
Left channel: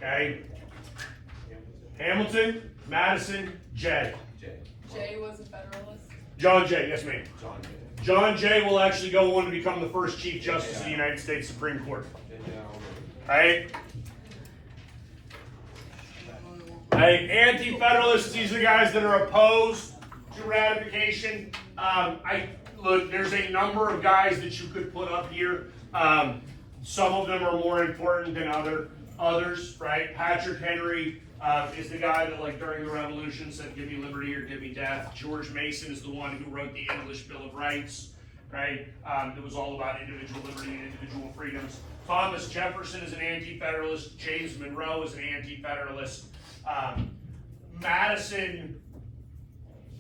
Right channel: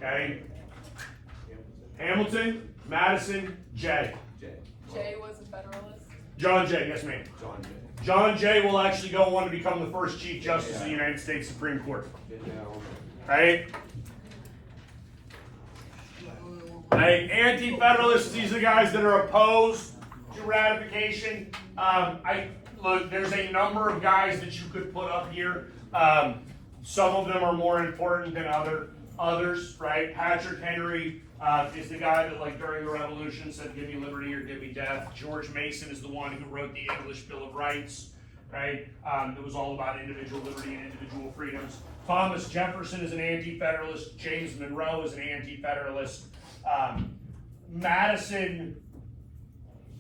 Okay? Hamilton, Madison, Jay. Jay was a Federalist. John Jay, yes ma'am. John Jay. John Jay will actually go on to become the first Chief Justice of the United States Supreme Court. Right? Hey, anti-federalists, these are the guys that are opposed to ratification. Look, there's a number of guys that you could put up here. Some of them are more important than others, right? Patrick Henry is the guy that, like, during the Revolution said, "Give me liberty or give me death." George Mason is the one who wrote the English Bill of Rights, right? It was all about individual liberty and individual freedoms. Thomas Jefferson is an anti-federalist. James Monroe is an anti-federalist. Madison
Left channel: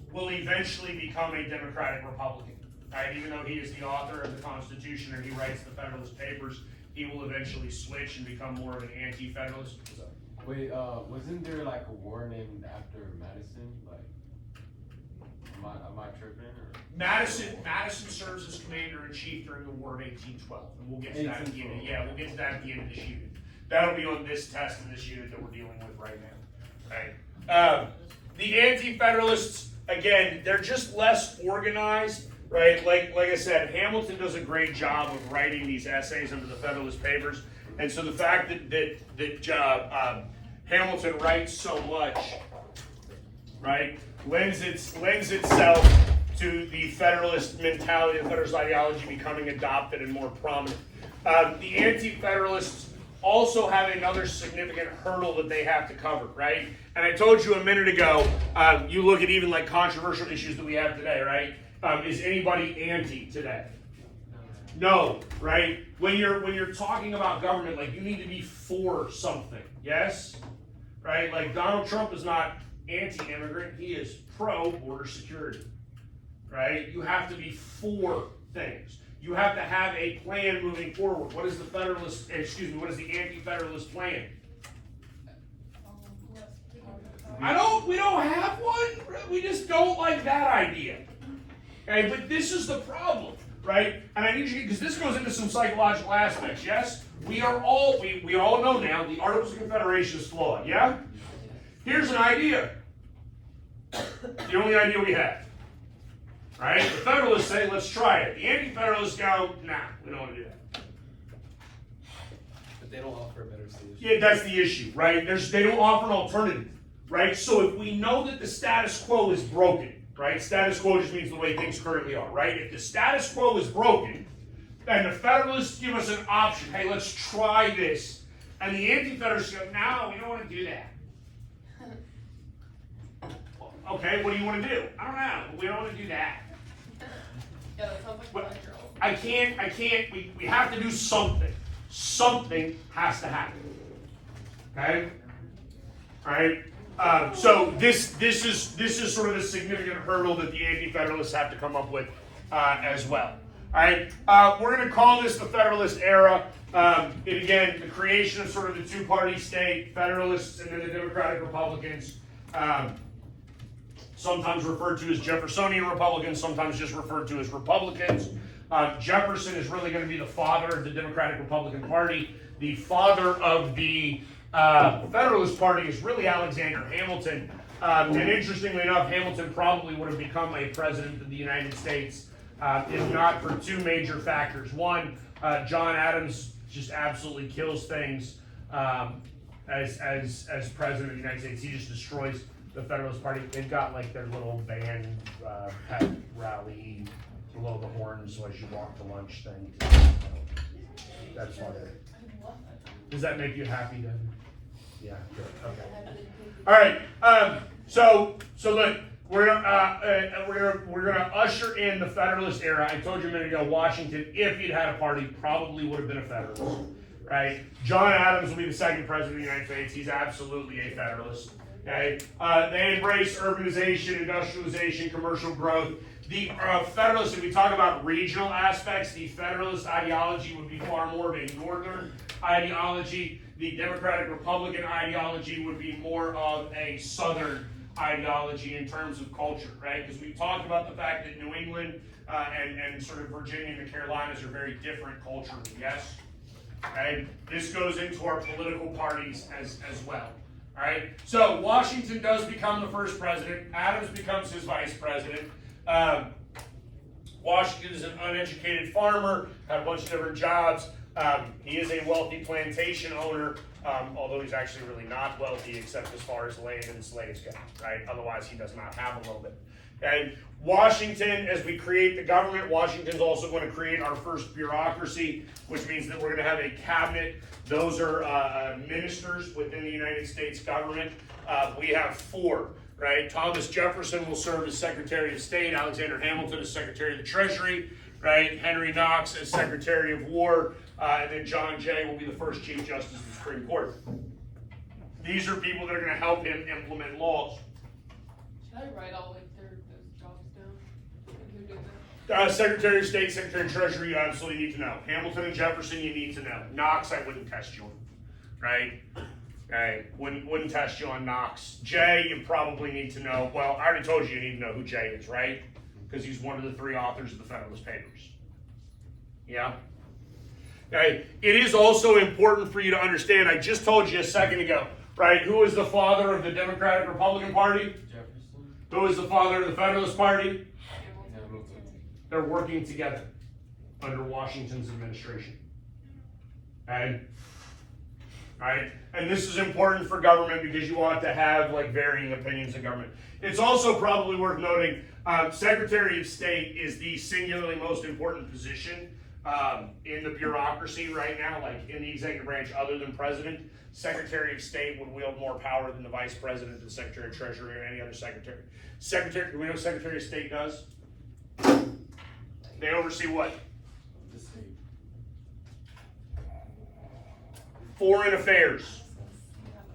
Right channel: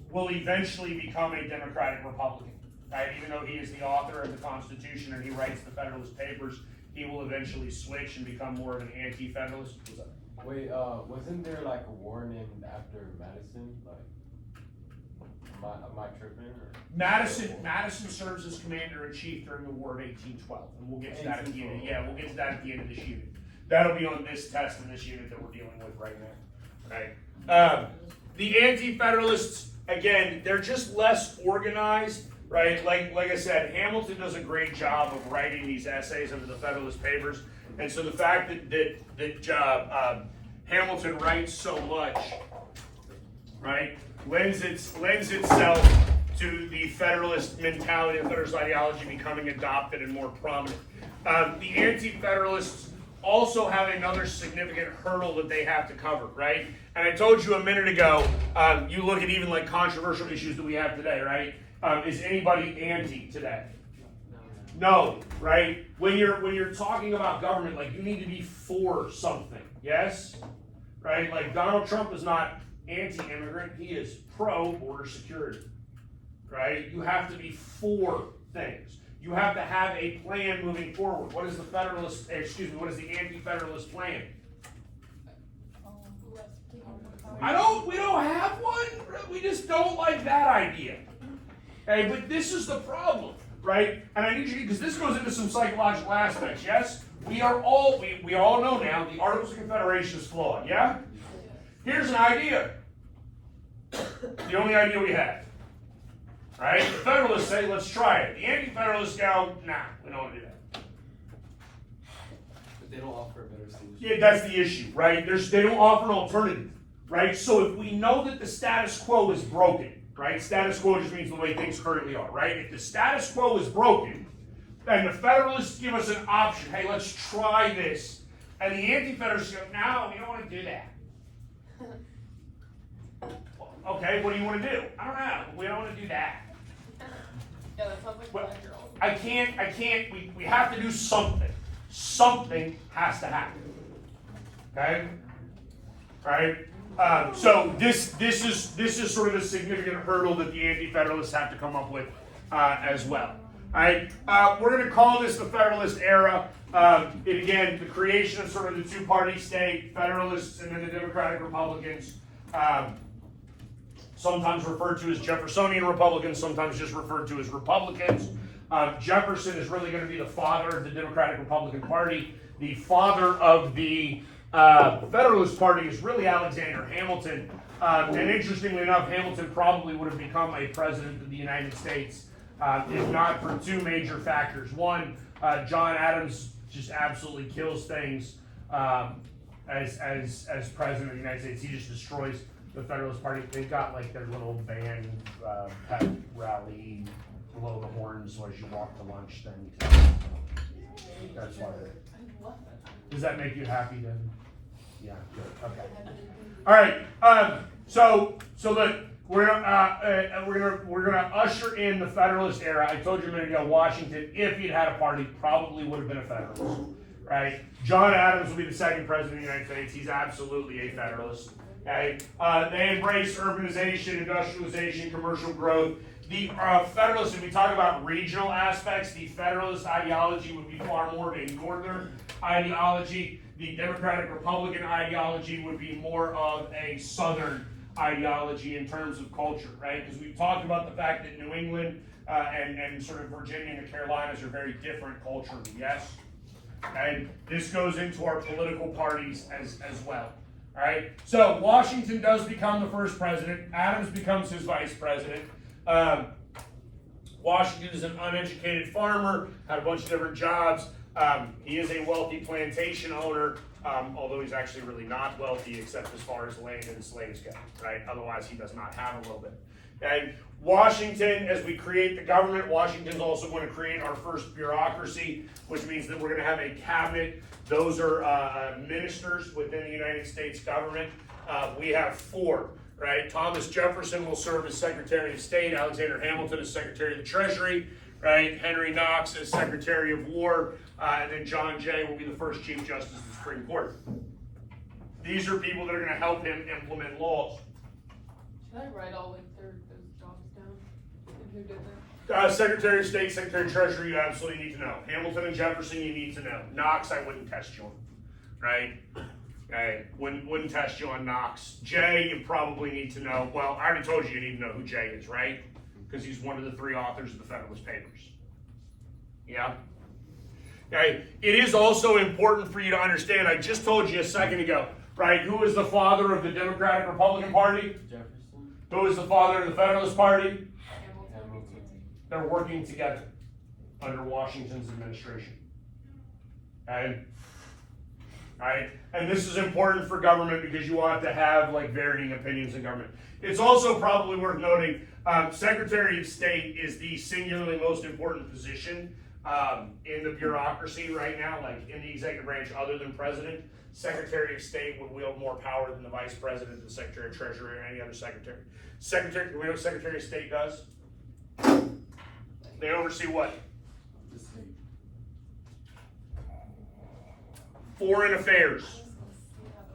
will eventually become a Democratic Republican, right? Even though he is the author of the Constitution and he writes the Federalist Papers, he will eventually switch and become more of an anti-federalist. Wait, wasn't there like a war named after Madison? Like, am I tripping? Or? Madison serves as commander-in-chief during the War of 1812, and we'll get to that at the end. Yeah, we'll get to that at the end of this unit. That'll be on this test in this unit that we're dealing with right now. Right? The anti-federalists, again, they're just less organized, right? Like I said, Hamilton does a great job of writing these essays into the Federalist Papers, and so the fact that Hamilton writes so much, right, lends itself to the Federalist mentality, the Federalist ideology becoming adopted and more prominent. The anti-federalists also have another significant hurdle that they have to cover, right? And I told you a minute ago, you look at even like controversial issues that we have today, right? Is anybody anti today? No, right? When you're talking about government, like, you need to be for something, yes? Right? Like, Donald Trump is not anti-immigrant, he is pro-border security, right? You have to be for things. You have to have a plan moving forward. What is the the anti-federalist plan? We don't have one. We just don't like that idea. Okay, but this is the problem, right? And I need you, because this goes into some psychological aspects, yes? We all know now the Articles of Confederation is flawed, yeah? Here's an idea. The only idea we have. Right? The Federalists say, let's try it. The Anti-Federalists go, nah, we don't want to do that. But they don't offer a better solution. Yeah, that's the issue, right? They don't offer an alternative, right? So if we know that the status quo is broken, right? Status quo just means the way things currently are, right? If the status quo is broken, then the Federalists give us an option. Hey, let's try this. And the Anti-Federalists go, no, we don't want to do that. Okay, what do you want to do? I don't know. We don't want to do that. Yeah, that sounds like Well, 5-year-old. we have to do something. Something has to happen. Okay? Alright? So this is sort of a significant hurdle that the Anti-Federalists have to come up with as well. Alright? We're going to call this the Federalist era. Again, the creation of sort of the two-party state, Federalists and then the Democratic Republicans. Sometimes referred to as Jeffersonian Republicans, sometimes just referred to as Republicans. Jefferson is really going to be the father of the Democratic Republican Party. The father of the Federalist Party is really Alexander Hamilton. And interestingly enough, Hamilton probably would have become a president of the United States if not for two major factors. One, John Adams just absolutely kills things as president of the United States. He just destroys the Federalist Party. They've got like their little band pep rally, blow the horns as you walk to lunch thing. That's why. Does that make you happy then? Yeah, good. Okay. All right. So look, we're gonna usher in the Federalist era. I told you a minute ago, Washington, if he'd had a party, probably would have been a Federalist, right? John Adams will be the second president of the United States. He's absolutely a Federalist. Okay. They embrace urbanization, industrialization, commercial growth. The Federalist, if we talk about regional aspects, the Federalist ideology would be far more of a northern ideology. The Democratic Republican ideology would be more of a southern ideology in terms of culture, right? Because we've talked about the fact that New England and sort of Virginia and the Carolinas are very different culturally, yes? And this goes into our political parties as well. All right, so Washington does become the first president. Adams becomes his vice president. Washington is an uneducated farmer, had a bunch of different jobs. He is a wealthy plantation owner, although he's actually really not wealthy except as far as land and slaves go, right? Otherwise, he does not have a little bit. And Washington, as we create the government, Washington's also going to create our first bureaucracy, which means that we're going to have a cabinet. Those are ministers within the United States government. We have 4, right? Thomas Jefferson will serve as Secretary of State, Alexander Hamilton as Secretary of the Treasury, right? Henry Knox as Secretary of War, and then John Jay will be the first Chief Justice of the Supreme Court. These are people that are going to help him implement laws. Should I write all like those jobs down? And who did that? Secretary of State, Secretary of Treasury, you absolutely need to know. Hamilton and Jefferson, you need to know. Knox, I wouldn't test you on, right? Okay, wouldn't test you on Knox. Jay, you probably need to know. Well, I already told you need to know who Jay is, right? Because he's one of the 3 authors of the Federalist Papers. Yeah? Okay, it is also important for you to understand, I just told you a second ago, right? Who is the father of the Democratic Republican Party? Jefferson. Who is the father of the Federalist Party? Hamilton. They're working together under Washington's administration. Okay? Right? And this is important for government because you want to have like varying opinions in government. It's also probably worth noting, Secretary of State is the singularly most important position in the bureaucracy right now, like in the executive branch other than president. Secretary of State would wield more power than the vice president, the Secretary of Treasury, or any other secretary. Do we know what Secretary of State does? They oversee what? The state. Foreign affairs.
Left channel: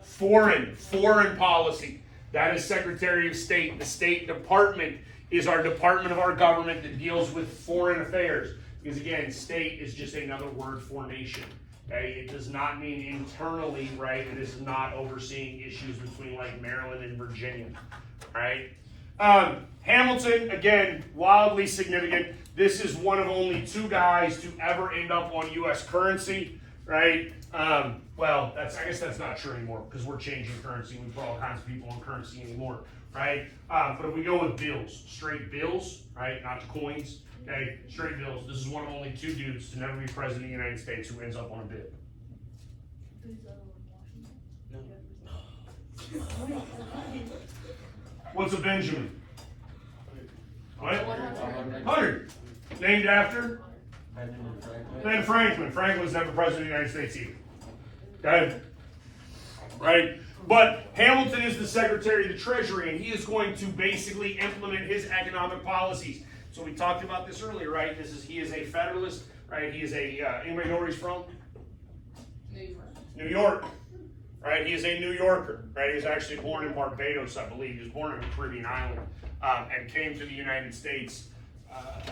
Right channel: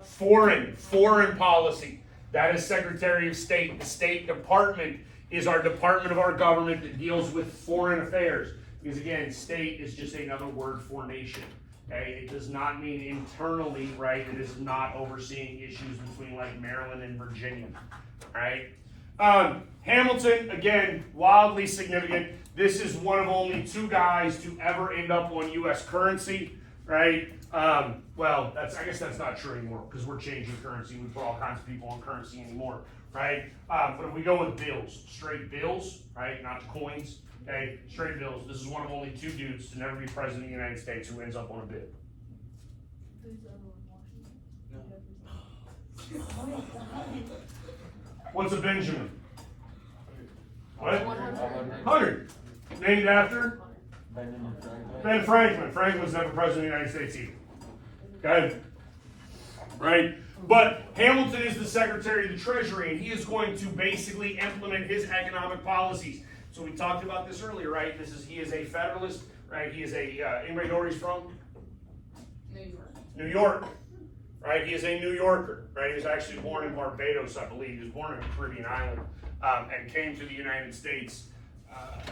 Foreign policy. That is Secretary of State. The State Department is our department of our government that deals with foreign affairs. Because again, state is just another word for nation. Okay? It does not mean internally, right? It is not overseeing issues between like Maryland and Virginia. Right? Hamilton, again, wildly significant. This is one of only 2 guys to ever end up on U.S. currency, right? Well, I guess that's not true anymore because we're changing currency. We put all kinds of people on currency anymore, right? But if we go with bills, straight bills, right? Not the coins, okay? Straight bills. This is one of only 2 dudes to never be president of the United States who ends up on a bill. What's a Benjamin? What? 100. Named after? Benjamin Franklin. Ben Franklin. Franklin was never president of the United States either. Okay? Right? But Hamilton is the Secretary of the Treasury, and he is going to basically implement his economic policies. So we talked about this earlier, right? He is a Federalist, right? He is anybody know where he's from? New York. Right? He is a New Yorker, right? He was actually born in Barbados, I believe. He was born in a Caribbean island and came to the United States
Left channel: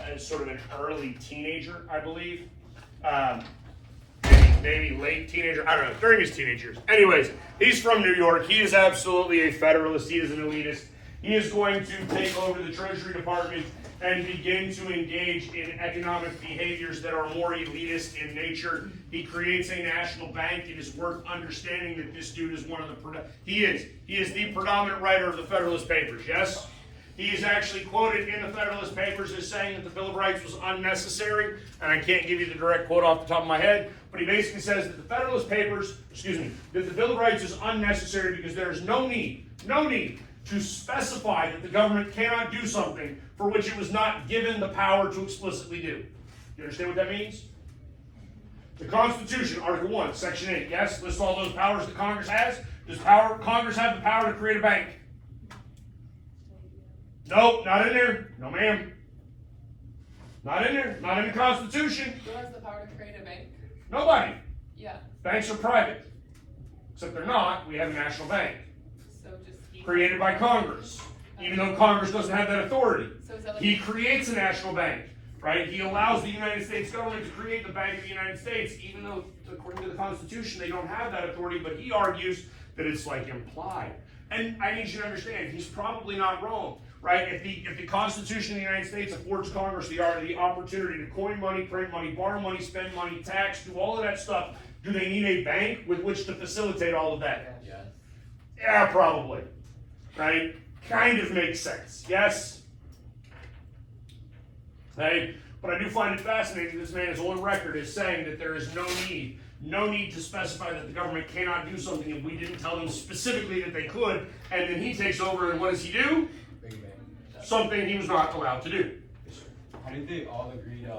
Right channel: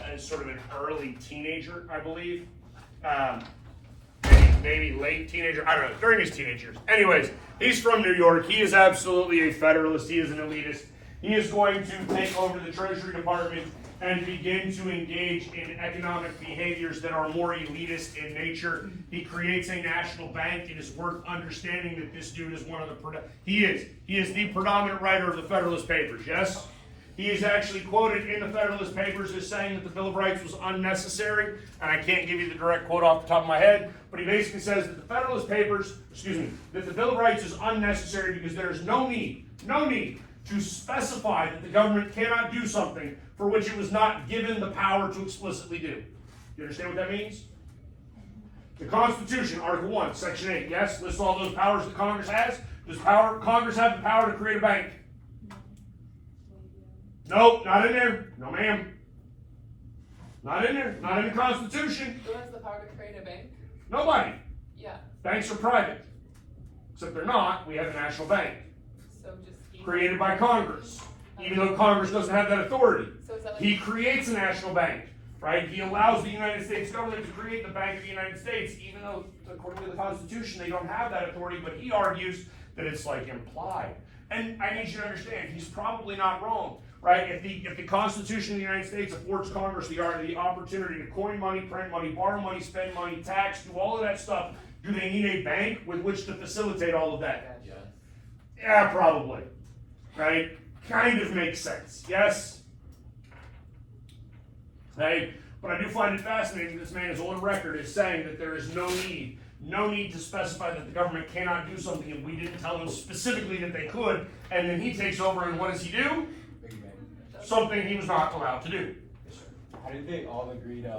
as sort of an early teenager, I believe. Maybe late teenager, I don't know, during his teenage years. Anyways, he's from New York. He is absolutely a Federalist. He is an elitist. He is going to take over the Treasury Department and begin to engage in economic behaviors that are more elitist in nature. He creates a national bank. It is worth understanding that this dude is one of the, he is the predominant writer of the Federalist Papers, yes? He is actually quoted in the Federalist Papers as saying that the Bill of Rights was unnecessary, and I can't give you the direct quote off the top of my head, but he basically says that the Federalist Papers, that the Bill of Rights is unnecessary because there is no need to specify that the government cannot do something for which it was not given the power to explicitly do. You understand what that means? The Constitution, Article 1, Section 8, yes, lists all those powers that Congress has. Does Congress have the power to create a bank? Nope, not in there. No, ma'am. Not in there. Not in the Constitution. Who has the power to create a bank? Nobody. Yeah, Banks are private. Except they're not. We have a national bank so just. created by Congress. even though Congress doesn't have that authority. So is that like? He creates a national bank, right? He allows the United States government to create the Bank of the United States, even though according to the Constitution, they don't have that authority, but he argues that it's like implied. And I need you to understand, he's probably not wrong, right? If the Constitution of the United States affords Congress the opportunity to coin money, print money, borrow money, spend money, tax, do all of that stuff, do they need a bank with which to facilitate all of that? Yes. Yeah, probably, right? Kind of makes sense, yes? Hey, but I do find it fascinating this man is on record as saying that there is no need to specify that the government cannot do something if we didn't tell them specifically that they could, and then he takes over and what does he do? Something he was not allowed to do. How did they all agree to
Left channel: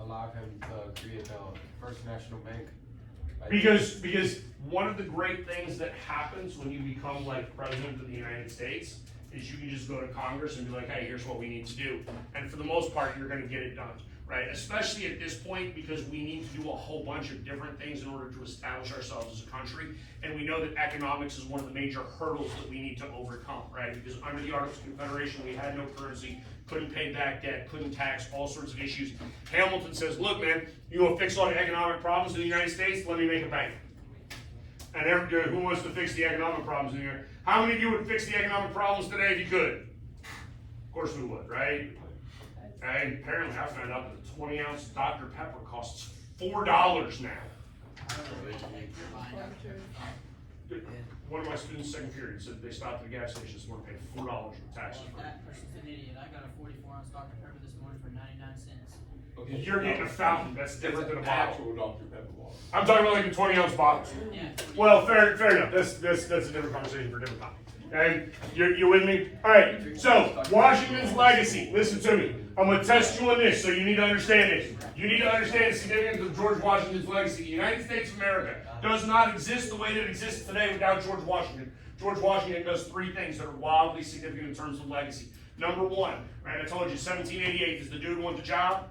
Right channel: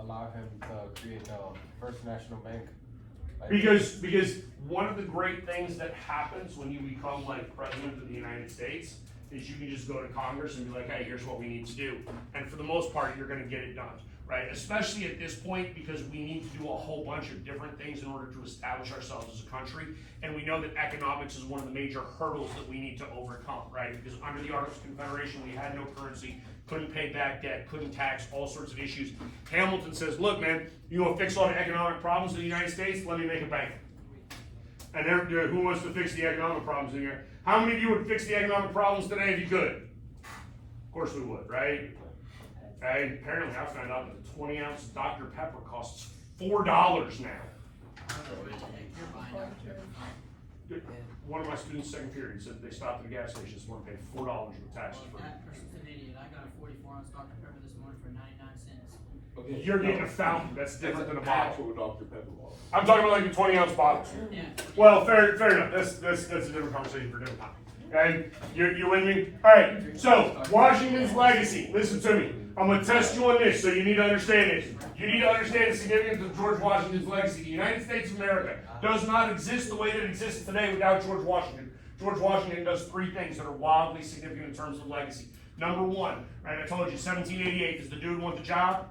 allow him to create the First National Bank? Like, Because one of the great things that happens when you become like president of the United States is you can just go to Congress and be like, hey, here's what we need to do. And for the most part, you're gonna get it done, right? Especially at this point, because we need to do a whole bunch of different things in order to establish ourselves as a country. And we know that economics is one of the major hurdles that we need to overcome, right? Because under the Articles of Confederation, we had no currency, couldn't pay back debt, couldn't tax, all sorts of issues. Hamilton says, look, man, you want to fix all the economic problems in the United States? Let me make a bank. And who wants to fix the economic problems in the United States? How many of you would fix the economic problems today if you could? Of course we would, right? And apparently I found out that a 20-ounce Dr. Pepper costs $4 now. One of my students, second period, said they stopped at the gas station this morning, paid $4 for taxes. That person's an idiot. I got a 44-ounce Dr. Pepper this morning for 99 cents. Okay, You're getting a fountain, that's different than a bottle. actual Dr. Pepper bottle. I'm talking about like the 20-ounce bottles. Yeah. Well, fair enough. That's a different conversation for a different time. Okay, you with me? All right. So Washington's legacy. Listen to me. I'm gonna test you on this, so you need to understand this. You need to understand the significance of George Washington's legacy. The United States of America does not exist the way that it exists today without George Washington. George Washington does three things that are wildly significant in terms of legacy. Number one, right? I told you, 1788 is the dude who want the job.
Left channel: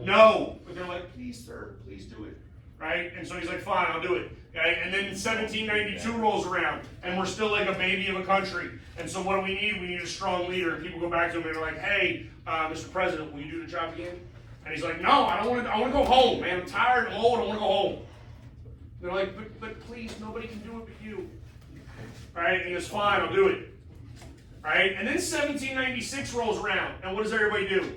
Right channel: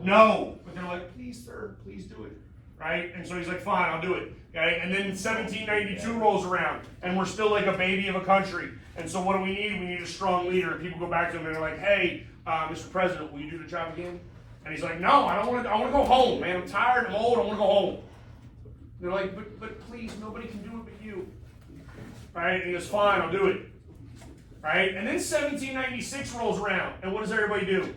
No, but they're like, please, sir, please do it. Right? And so he's like, fine, I'll do it. Okay? And then 1792 rolls around, and we're still like a baby of a country. And so what do we need? We need a strong leader. And people go back to him and they're like, hey, Mr. President, will you do the job again? And he's like, no, I want to go home, man. I'm tired, I'm old, I want to go home. And they're like, but please, nobody can do it but you. Right? And he goes, fine, I'll do it. Right? And then 1796 rolls around, and what does everybody do?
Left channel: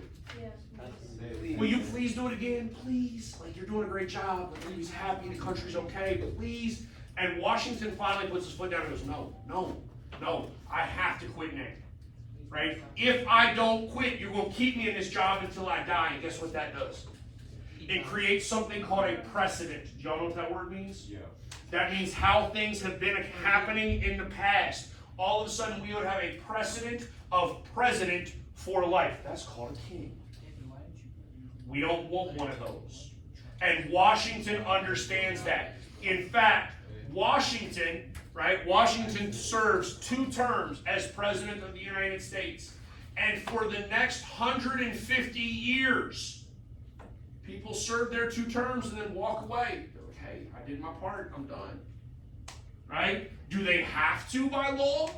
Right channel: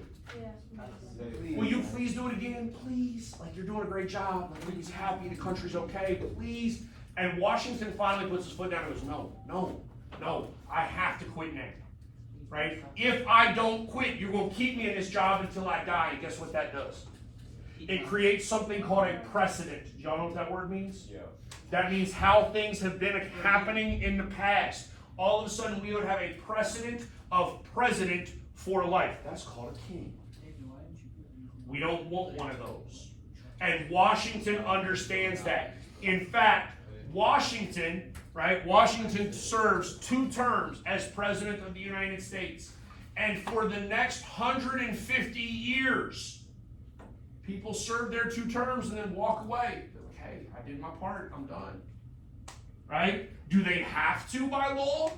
Will you please do it again? Please. Like, you're doing a great job. Like, he's happy, the country's okay, but please. And Washington finally puts his foot down and goes, no, I have to quit now. Right? If I don't quit, you're going to keep me in this job until I die. And guess what that does? It creates something called a precedent. Do y'all know what that word means? Yeah. That means how things have been happening in the past. All of a sudden, we would have a precedent of president for life. That's called a king. We don't want one of those. And Washington understands that. In fact, Washington serves 2 terms as President of the United States. And for the next 150 years, people serve their 2 terms and then walk away. Okay, I did my part, I'm done. Right? Do they have to by law?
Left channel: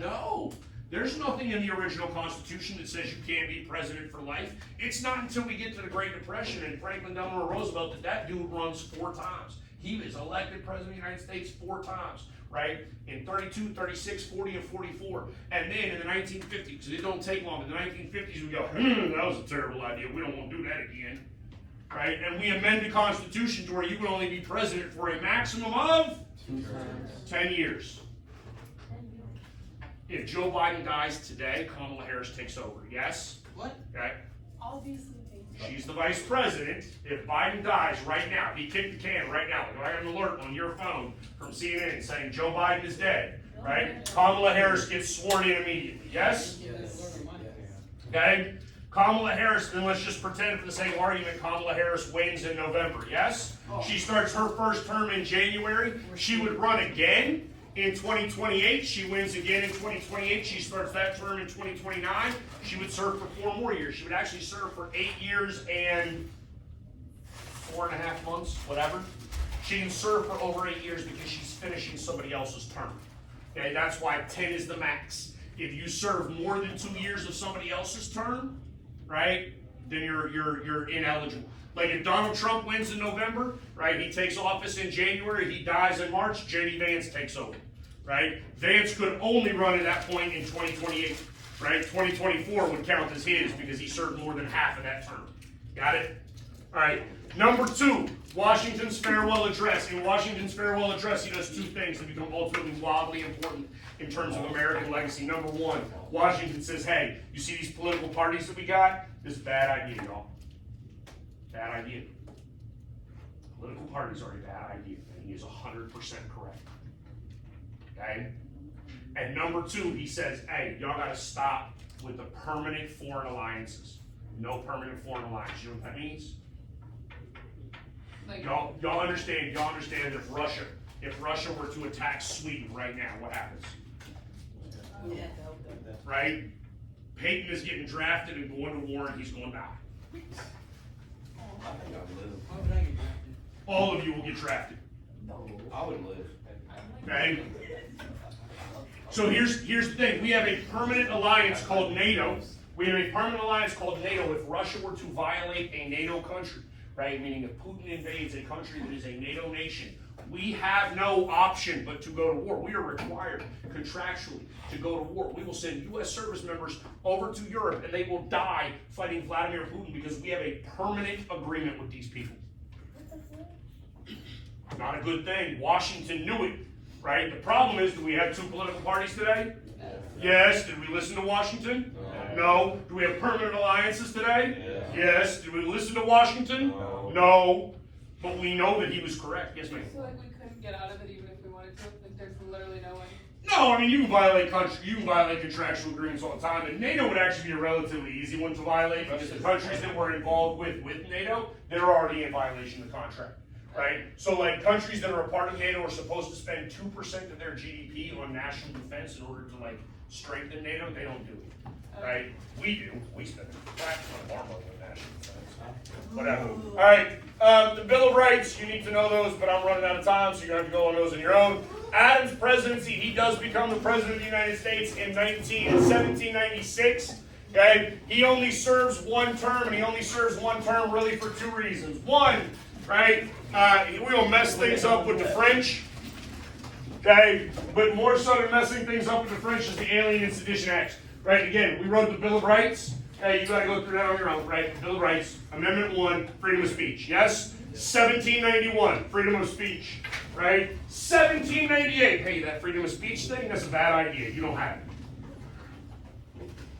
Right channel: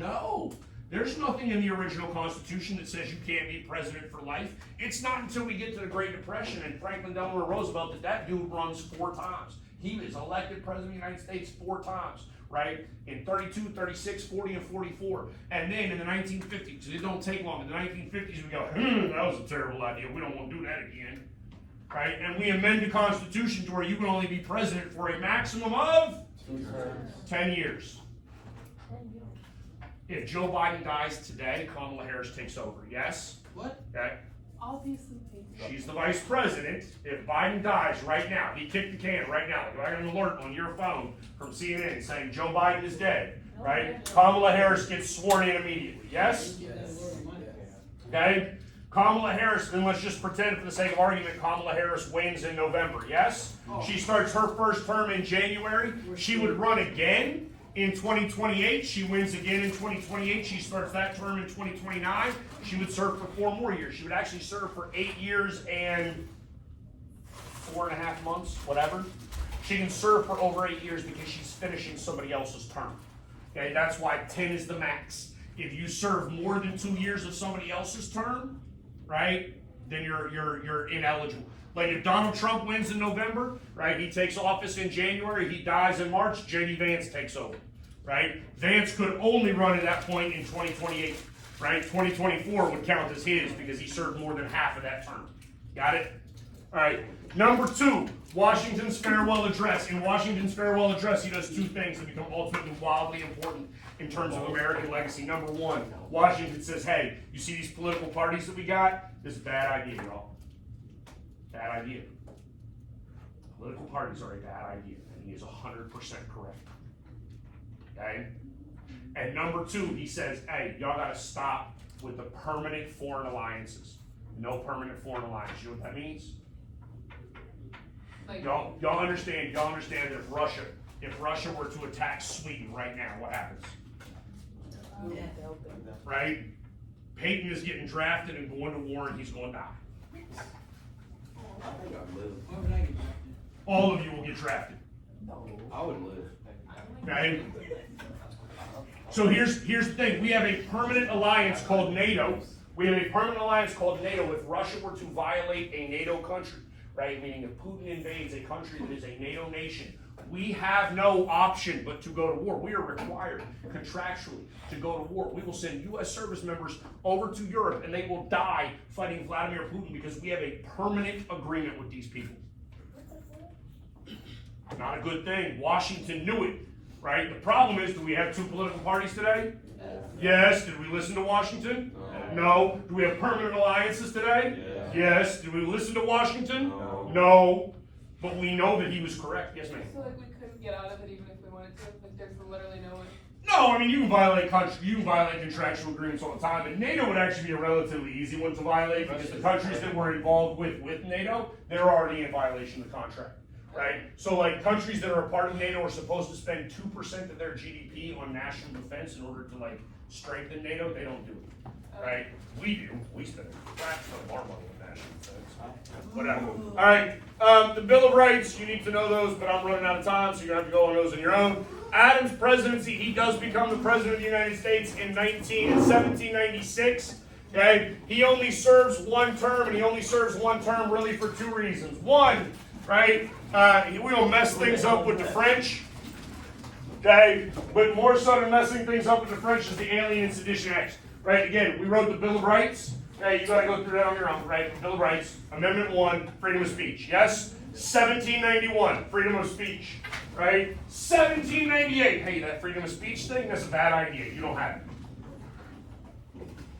No. There's nothing in the original Constitution that says you can't be president for life. It's not until we get to the Great Depression and Franklin Delano Roosevelt that dude runs 4 times. He is elected president of the United States 4 times, right? In 32, 36, 40, and 44. And then in the 1950s, it don't take long. In the 1950s, we go, that was a terrible idea. We don't want to do that again. Right? And we amend the Constitution to where you can only be president for a maximum of 10 years. If Joe Biden dies today, Kamala Harris takes over. Yes? What? Okay. Obviously. She's the vice president. If Biden dies right now, he kicked the can right now. Like, I got an alert on your phone from CNN saying Joe Biden is dead. Right? Kamala Harris gets sworn in immediately. Yes? Okay? Kamala Harris, then let's just pretend for the sake of argument, Kamala Harris wins in November. Yes? She starts her first term in January. She would run again in 2028. She wins again in 2028. She starts that term in 2029. She would serve for 4 more years. She would actually serve for 8 years and 4.5 months, whatever. She can serve for over 8 years because she's finishing somebody else's term. Okay, that's why 10 is the max. If you serve more than 2 years of somebody else's term, right, then you're ineligible. Like if Donald Trump wins in November, right, he takes office in January, he dies in March, J.D. Vance takes over, right? Vance could only run at that point in 2028, right? 2024 would count as his because he served more than half of that term. Got it? All right. Number 2, Washington's farewell address. In Washington's farewell address, he does 2 things that become ultimately wildly important in terms of American legacy. Number 1, Washington says, hey, you see these political parties that we got? This is a bad idea, y'all. Bad idea. Political parties are a bad idea, and he is 100% correct. Okay? And number 2, he says, hey, y'all gotta stop with the permanent foreign alliances. No permanent foreign alliance. You know what that means? Like, Y'all understand if Russia were to attack Sweden right now, what happens? Right? Peyton is getting drafted and going to war and he's going to die. I think I'd live. Why would I get drafted? All of you will get drafted. I would live. Okay? So here's the thing. We have a permanent alliance called NATO. We have a permanent alliance called NATO. If Russia were to violate a NATO country, right, meaning if Putin invades a country that is a NATO nation, we have no option but to go to war. We are required contractually to go to war. We will send U.S. service members over to Europe and they will die fighting Vladimir Putin because we have a permanent agreement with these people. Not a good thing. Washington knew it, right? The problem is, do we have 2 political parties today? Yes. Did we listen to Washington? No. Do we have permanent alliances today? Yes. Did we listen to Washington? No. But we know that he was correct. Yes, ma'am. so like we couldn't get out of it even if we wanted to, like there's literally no way. No, I mean, you can violate contractual agreements all the time, and NATO would actually be a relatively easy one to violate because the countries that we're involved with NATO, they're already in violation of the contract, right? So like countries that are a part of NATO are supposed to spend 2% of their GDP on national defense in order to like strengthen NATO. They don't do it, right? We do. We spend half of our money on national defense. Whatever. All right. The Bill of Rights, you need to know those, but I'm running out of time, so you're going to have to go on those on your own. Adams' presidency, he does become the president of the United States in 1796. Okay? He only serves 1 term, and he only serves 1 term really for 2 reasons. 1, right, we will mess things up with the French. Okay? But more so than messing things up with the French is the Alien and Sedition Act. Right? Again, we wrote the Bill of Rights. Okay, you gotta go through that on your own, right? Bill of Rights, Amendment 1, freedom of speech. Yes? 1791, freedom of speech. Right? 1798, hey, that freedom of speech thing, that's a bad idea. You don't have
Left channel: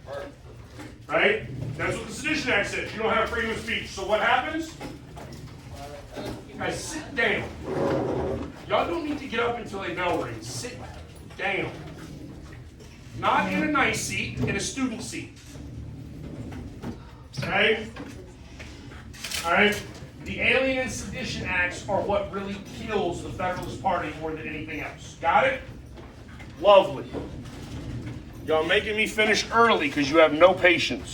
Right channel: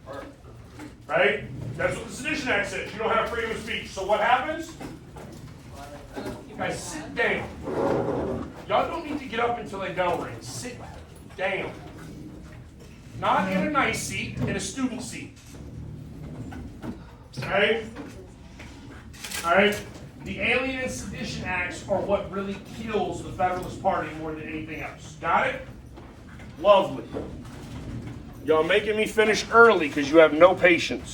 it. Right? That's what the Sedition Act says. You don't have freedom of speech. So what happens? You guys sit down. Y'all don't need to get up until they bell rings. Sit down. Not in a nice seat, in a student seat. Okay? Alright? The Alien and Sedition Acts are what really kills the Federalist Party more than anything else. Got it? Lovely. Y'all making me finish early because you have no patience.